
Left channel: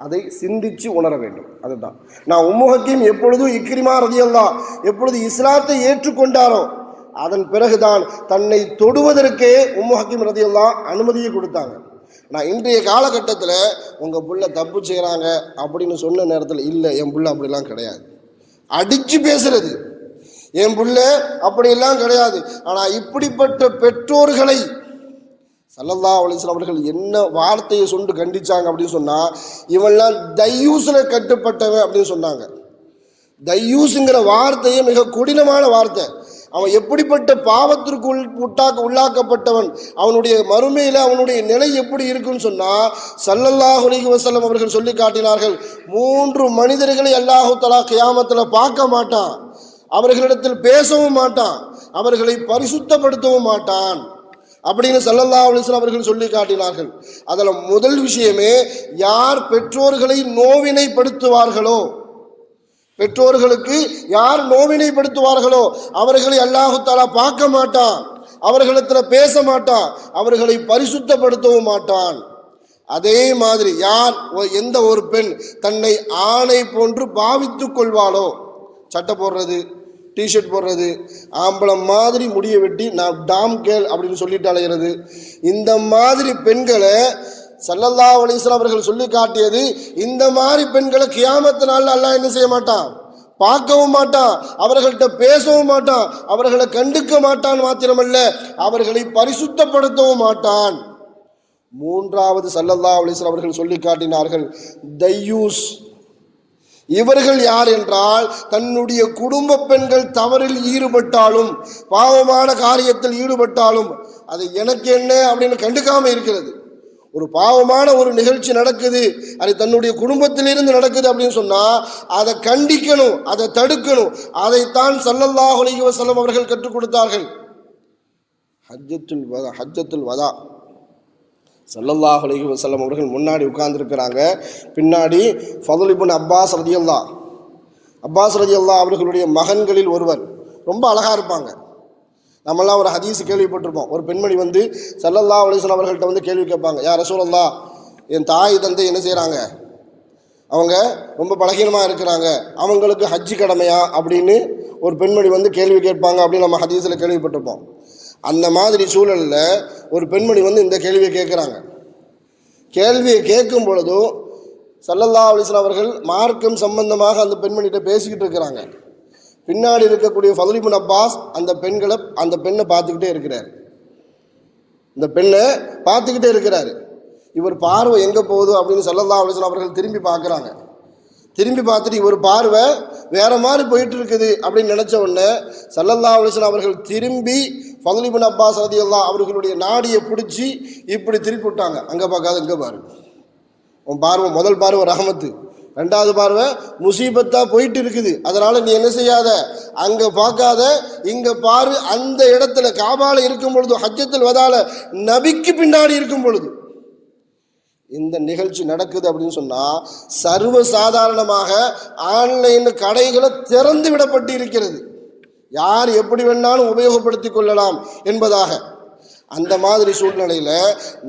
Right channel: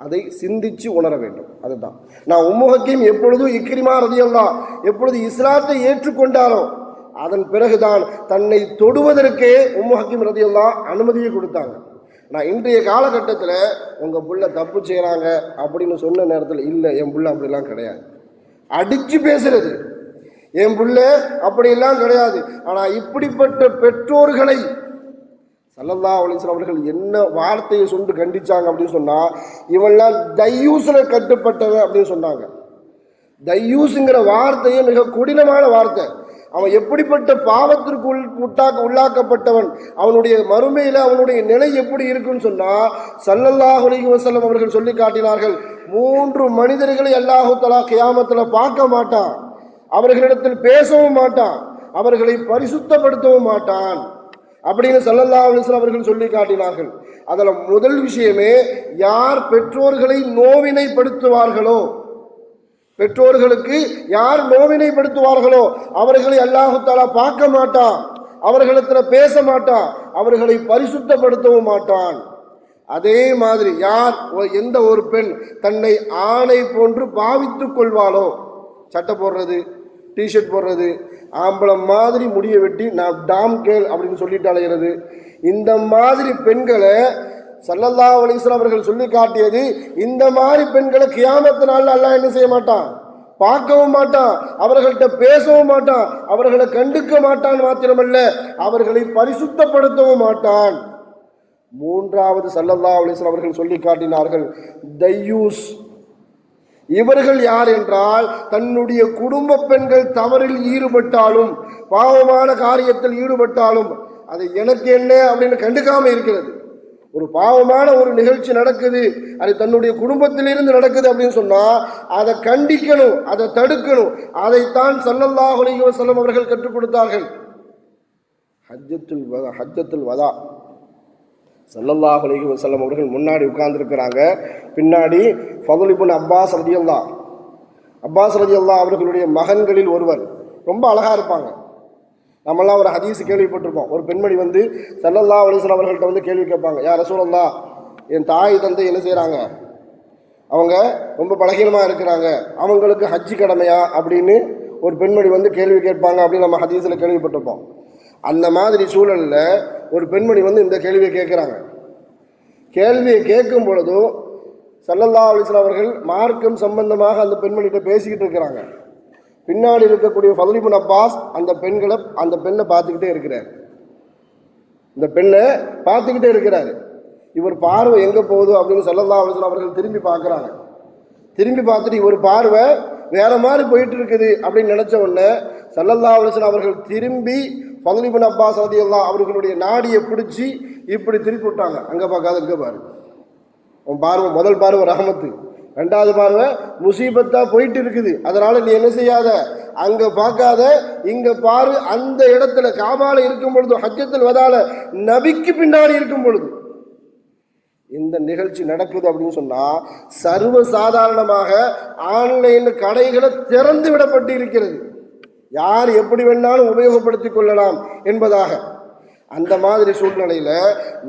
அதை சிந்தித்து உணர வேண்டும். அதுதான் நான் உம்மு ஹக்கீம் எப்பொழுதும் இக்ரிமா ரலியல்லாஹு எப்பொழுது இஸ்லாத்தை ஏற்றுக்கொண்டாரோ அதன் பிறகுதான் தன்னை தொடுவதற்கே உம்மு ஹக்கீம் ரலியல்லாஹு அனுமதியை கொடுத்தாங்க. நான் இன்றைய காலகட்டத்தில் உங்கள் புள்ள தப்பு செய்கிறாங்க அப்படின்னு சொன்ன நேரத்தில் இல்லை, என் புள்ள அப்படிலாம் கிடையாது, அடித்து பேசுறது, என் புள்ள அப்படியெல்லாம் கிடையாது. ஆனால் இப்படிப்பட்ட பெற்றோர்களை ஸல்லல்லாஹு அலைஹி வஸல்லம் அவர்கள் என்ன வார்த்தையை சொண்டு கண்டிச்சாங்க அப்படின்னு சொன்னால், இவெல்லாம் தையூஸில் கட்டுப்பட்டவன் அப்படின்னு சொன்னாங்க. தையூஸுங்கிற வார்த்தையே மிக கொடினமான வார்த்தை. அவன் எப்படிப்பட்ட பாவத்திற்கு உள்ளாக்கப்பட்டவன், அவனுடைய மறுமையில் அவனுடைய நிலை எப்படி இருக்குன்னு சொன்னால் ஸல்லல்லாஹு அலைஹி வஸல்லம் அவர்கள் சொல்லி காட்டினார்கள், 3 மனிதர்களை அல்லாஹ் தஆலா கியாமத்தில் பார்க்க மாட்டான், அவர்களிடத்தில் பேசவும் மாட்டான், அவர்களை பரிசுத்தப்படுத்தவும் மாட்டான் அப்படின்னு ஸல்லல்லாஹு அலைஹி வஸல்லம் அவர்கள் சொல்லி காட்டினார்கள். அதில் முதல் விஷயமே, யார் பெற்றோர்களை நோவினைப்படுத்துவார்களோ, பெற்றோர்களுக்கு யார் நோவினைப்படுத்துவார்களோ அவர்களை அல்லாஹ் தஆலா பார்க்க மாட்டான், அவர்களிடத்தில் பேச மாட்டான், அவர்களை பரிசுத்தப்படுத்தவும் மாட்டான். அதே மாதிரி யார் எந்த ஒரு பெண் தன்னை ஆணை போன்று பாவித்துக் கொள்வாளோ, சட்டை போடுறது, டிஷர்ட் போடுறது, ஆம்பளை மாதிரி முடிய வெட்டி நான் டாம் கேள் அப்படின்னு சொல்லிட்டு அலைகிறது, இந்த மாதிரி பெண்களை ஸல்லல்லாஹு அலைஹி வஸல்லம் அவர்கள் சொல்லி காட்டியது. இந்த மாதிரி பெண்களை கியாமத்து நாளில் அல்லாஹ் என்ன செய்ய மாட்டான், பார்க்கவும் மாட்டான், அவர்கள்ட்ட பேசவும் மாட்டான், அவர்களை கண்டுக்க மாட்டான், மாத்திரமல்ல அவர்களை பரிசுத்தப்படுத்தவும் மாட்டான். மூன்றாவது ஸல்லல்லாஹு அலைஹி வஸல்லம் அவர்கள் சொல்லி காட்டினார்கள், தையூஸ். இவர்கள் யார் என்றால், தன்னுடைய குடும்ப பெண்கள் தவறில் ஈடுபட்டாலும், பாவமான காரியத்தில் ஈடுபட்டாலும் அது எனக்கு என்ன அப்படின்னு கண்டுக்காம இருக்கிறது. ஒரு பாவமான ஒரு நிகழ்ச்சி நடக்குது, அது தன்னுடைய குடும்பத்திலிருந்து நடக்குது அப்படின்னு சொன்னால் அதை கண்டிக்கணும், அதை தடுக்கணும். அதைத்தான் ஸல்லல்லாஹு அலைஹி வஸல்லம் அவர்கள் கற்றுக் கொடுத்தார்கள். ஹஜ்ஜத்துல் வதா ஸல்லல்லாஹு அலைஹி வஸல்லம் அவர்கள் முன்னாடி உட்கார்ந்துருக்கிறாங்க, பின்னாடி ஃபதுல் இப்னு அப்பாஸ் ரலியல்லாஹு அவர்களுடைய மகன்களில் ஒருவர், ரொம்ப அழகாக இருப்பாங்க. நம்மெல்லாம் ஒரு ஹதீஸ் கேள்விப்பட்டிருப்போம், ஒரு பெண்மணி வந்து ஸல்லல்லாஹு அலைஹி வஸல்லம் அவர்கள்ட்ட வந்து கேள்வி கேட்பாங்க, யா ரசூலல்லாஹ், என் தாய் தந்தை என்ன செய்கிறாங்க, அவங்க ரொம்ப பலகீனமாக இருக்கிறாங்க, அவங்களுக்கு ஹஜ்ஜி கடமையா அப்படின்னு ஒரு பெண்மணி வந்து கேள்வி கேட்பாங்க அப்படின்னு நம்ம ஹதீஸில் கேள்விப்பட்டிருப்போம். அந்த மாதிரி சூழலில் ஒரு பெண்மணி வந்து இந்த கேள்வியை கேட்குறாங்க. கேள்வியை கேட்கும் பொழுதும் ஸல்லல்லாஹு அலைஹி வஸல்லம் அவர்கள் மார்க்கம் சம்பந்தமாக அந்த பெண்மணிகிட்ட பேசிக்கிட்டு இருக்கிறாங்க. பின்னாடி இருக்கக்கூடிய ஃபதுல் இப்னு அப்பாஸ் அந்த பெண்ணை பார்த்துக்கிட்டே இருக்கிறார். இந்த பெண்ணை பார்த்துக்கிட்டே இருக்கிறாரு. இவர் பார்வை எங்கே போகுது அப்படின்னு ஸல்லல்லாஹு அலைஹி வஸல்லம் அவர்கள் திரும்பி பார்க்குறாங்க. திரும்பி பார்த்துட்டு இவர் பார்வை வேற மாதிரி போயிட்டு இருக்குது அப்படின்னு நினச்ச உடனே ஸல்லல்லாஹு அலைஹி வஸல்லம் அவர்கள் திரும்பி ஃபதுல் இப்னு அப்பாஸ் ரலியல்லாஹு அவர்களுடைய நாடியை பிடிச்சி இப்படி திருப்பி விட்டாங்க. அங்கே பார்க்காத இங்கே பாரு, உன் பார்வை முதல் பார்வை ரஹமத்து, ரெண்டாவது பார்வை முசீபத்தாக போயிட்டு இருக்குது, அதனால் நீ என்ன செய்யாத, அங்கே பார்க்காத இங்கே பாரு. அந்த இடத்துல காபால இருக்கும் பொழுது, ஹஜ்ஜத்துல் வதால நபிக்கு பின்னாடி இருக்கும் பொழுது இந்த நிகழ்ச்சி நடக்குது அப்படின்னு சொன்னால் சர்வ சாதாரணமாக ஆன்லைன் கடைகளை திறந்து விடப்பட்டு இருக்கிறது. யார் எப்படி வேணாலும் உபயோகப்படுத்தி கொள்ளலாம் என்பதாக. அந்த மாதிரி சூழ்நிலையில்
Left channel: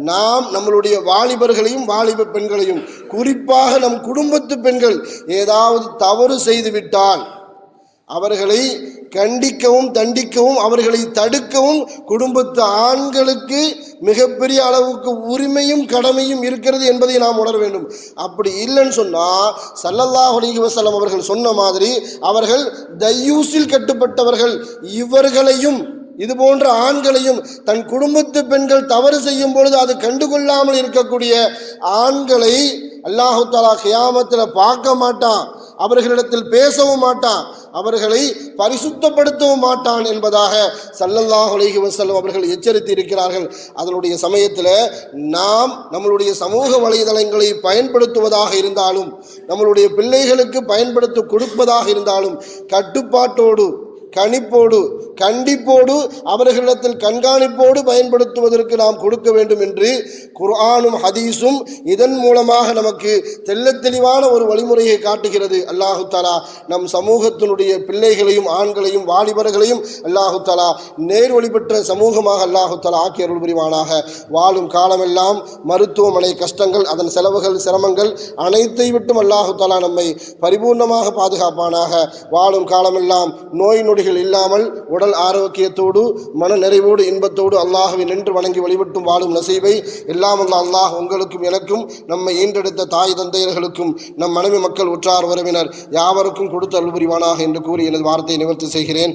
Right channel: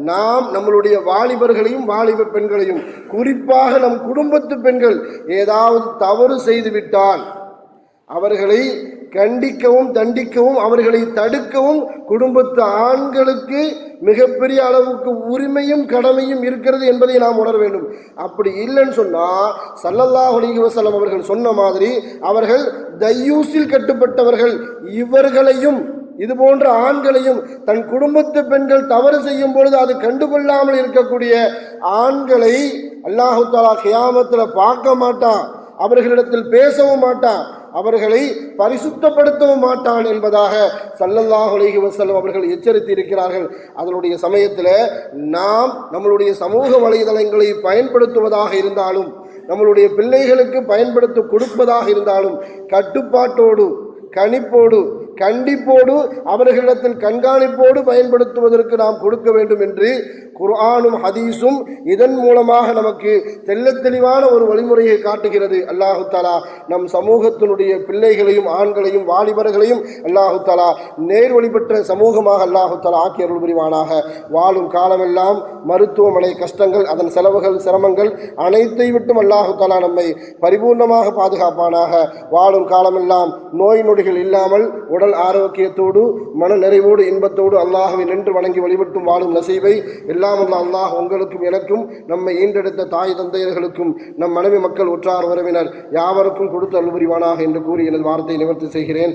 நாம் நம்மளுடைய வாலிபர்களையும் வாலிப பெண்களையும், குறிப்பாக நம் குடும்பத்து பெண்கள் ஏதாவது தவறு செய்துவிட்டால் அவர்களை கண்டிக்கவும் தண்டிக்கவும் அவர்களை தடுக்கவும் குடும்பத்து ஆண்களுக்கு மிகப்பெரிய அளவுக்கு உரிமையும் கடமையும் இருக்கிறது என்பதை நாம் உணர வேண்டும். அப்படி இல்லைன்னு சொன்னால் ஸல்லல்லாஹு அலைஹி வஸல்லம் அவர்கள் சொன்ன மாதிரி அவர்கள் தய்யூஸில் கட்டுப்பட்டவர்கள். இவர்களையும் இது போன்ற ஆண்களையும் தன் குடும்பத்து பெண்கள் தவறு செய்யும் பொழுது அது கண்டுகொள்ளாமல் இருக்கக்கூடிய ஆண்களை அல்லாஹு தஆலா கியாமத்தில் பார்க்க மாட்டான், அவர்களிடத்தில் பேசவும் மாட்டான், அவர்களை பரிசுத்தப்படுத்தவும் மாட்டான் என்பதாக ஸல்லல்லாஹு அலைஹி வஸல்லம் அவர்கள் எச்சரித்து இருக்கிறார்கள். அதனுடைய சமயத்தில் நாம் நம்மளுடைய சமூக வலைதளங்களை பயன்படுத்துவதாக இருந்தாலும், நம்மளுடைய பிள்ளைகளுக்கு பயன்படுத்த கொடுப்பதாக இருந்தாலும் கட்டுப்பாட்டோடு, கணிப்போடு, கண்டிப்போடு, அவர்களிடத்தில் கண்காணிப்போடு பயன்படுத்துவதற்கு நாம் கொடுக்க வேண்டும் என்று குர்ஆனும் ஹதீஸும் இதன் மூலமாக நமக்கு தெள்ளத் தெளிவான ஒரு வழிமுறையை காட்டுகிறது. அல்லாஹு தஆலா நம் சமூகத்தினுடைய பிள்ளைகளையும் ஆண்களையும் வாலிபர்களையும் அல்லாஹு தஆலா நேர்வழி பெற்ற சமூகமாக அல்லாஹு தஆலா ஆக்கி அருள் புரிவானாக. வாழும் காலமெல்லாம் மருத்துவமனை கஷ்டங்கள், அதன் செலவுகள், சிரமங்கள் அனைத்தை விட்டும் அல்லாஹு தஆலா நம்மை பரிபூர்ணமாக பாதுகாப்பானாக. வாழும் காலமெல்லாம் நோய் நொடிகள் இல்லாமல் உடல் ஆரோக்கியத்தோடு மன நிறைவோடு இன்பத்தோடு அல்லாஹ்வை நின்று வணங்கி வழிபட்டும் வாழும் நசீபை எல்லாம் உள்ள அல்லாஹ் உங்களுக்கும் எனக்கும் நம்மை ஈண்டெடுத்த தாய் தந்தையர்களுக்கும் நம் மனைவி மக்கள் உற்றார் உறவினர் யாவருக்கும் கொடுத்து அருள் புரிவானாக என்று கூறி எனது வார்த்தையை நிவர்த்தி செய்கிறேன்.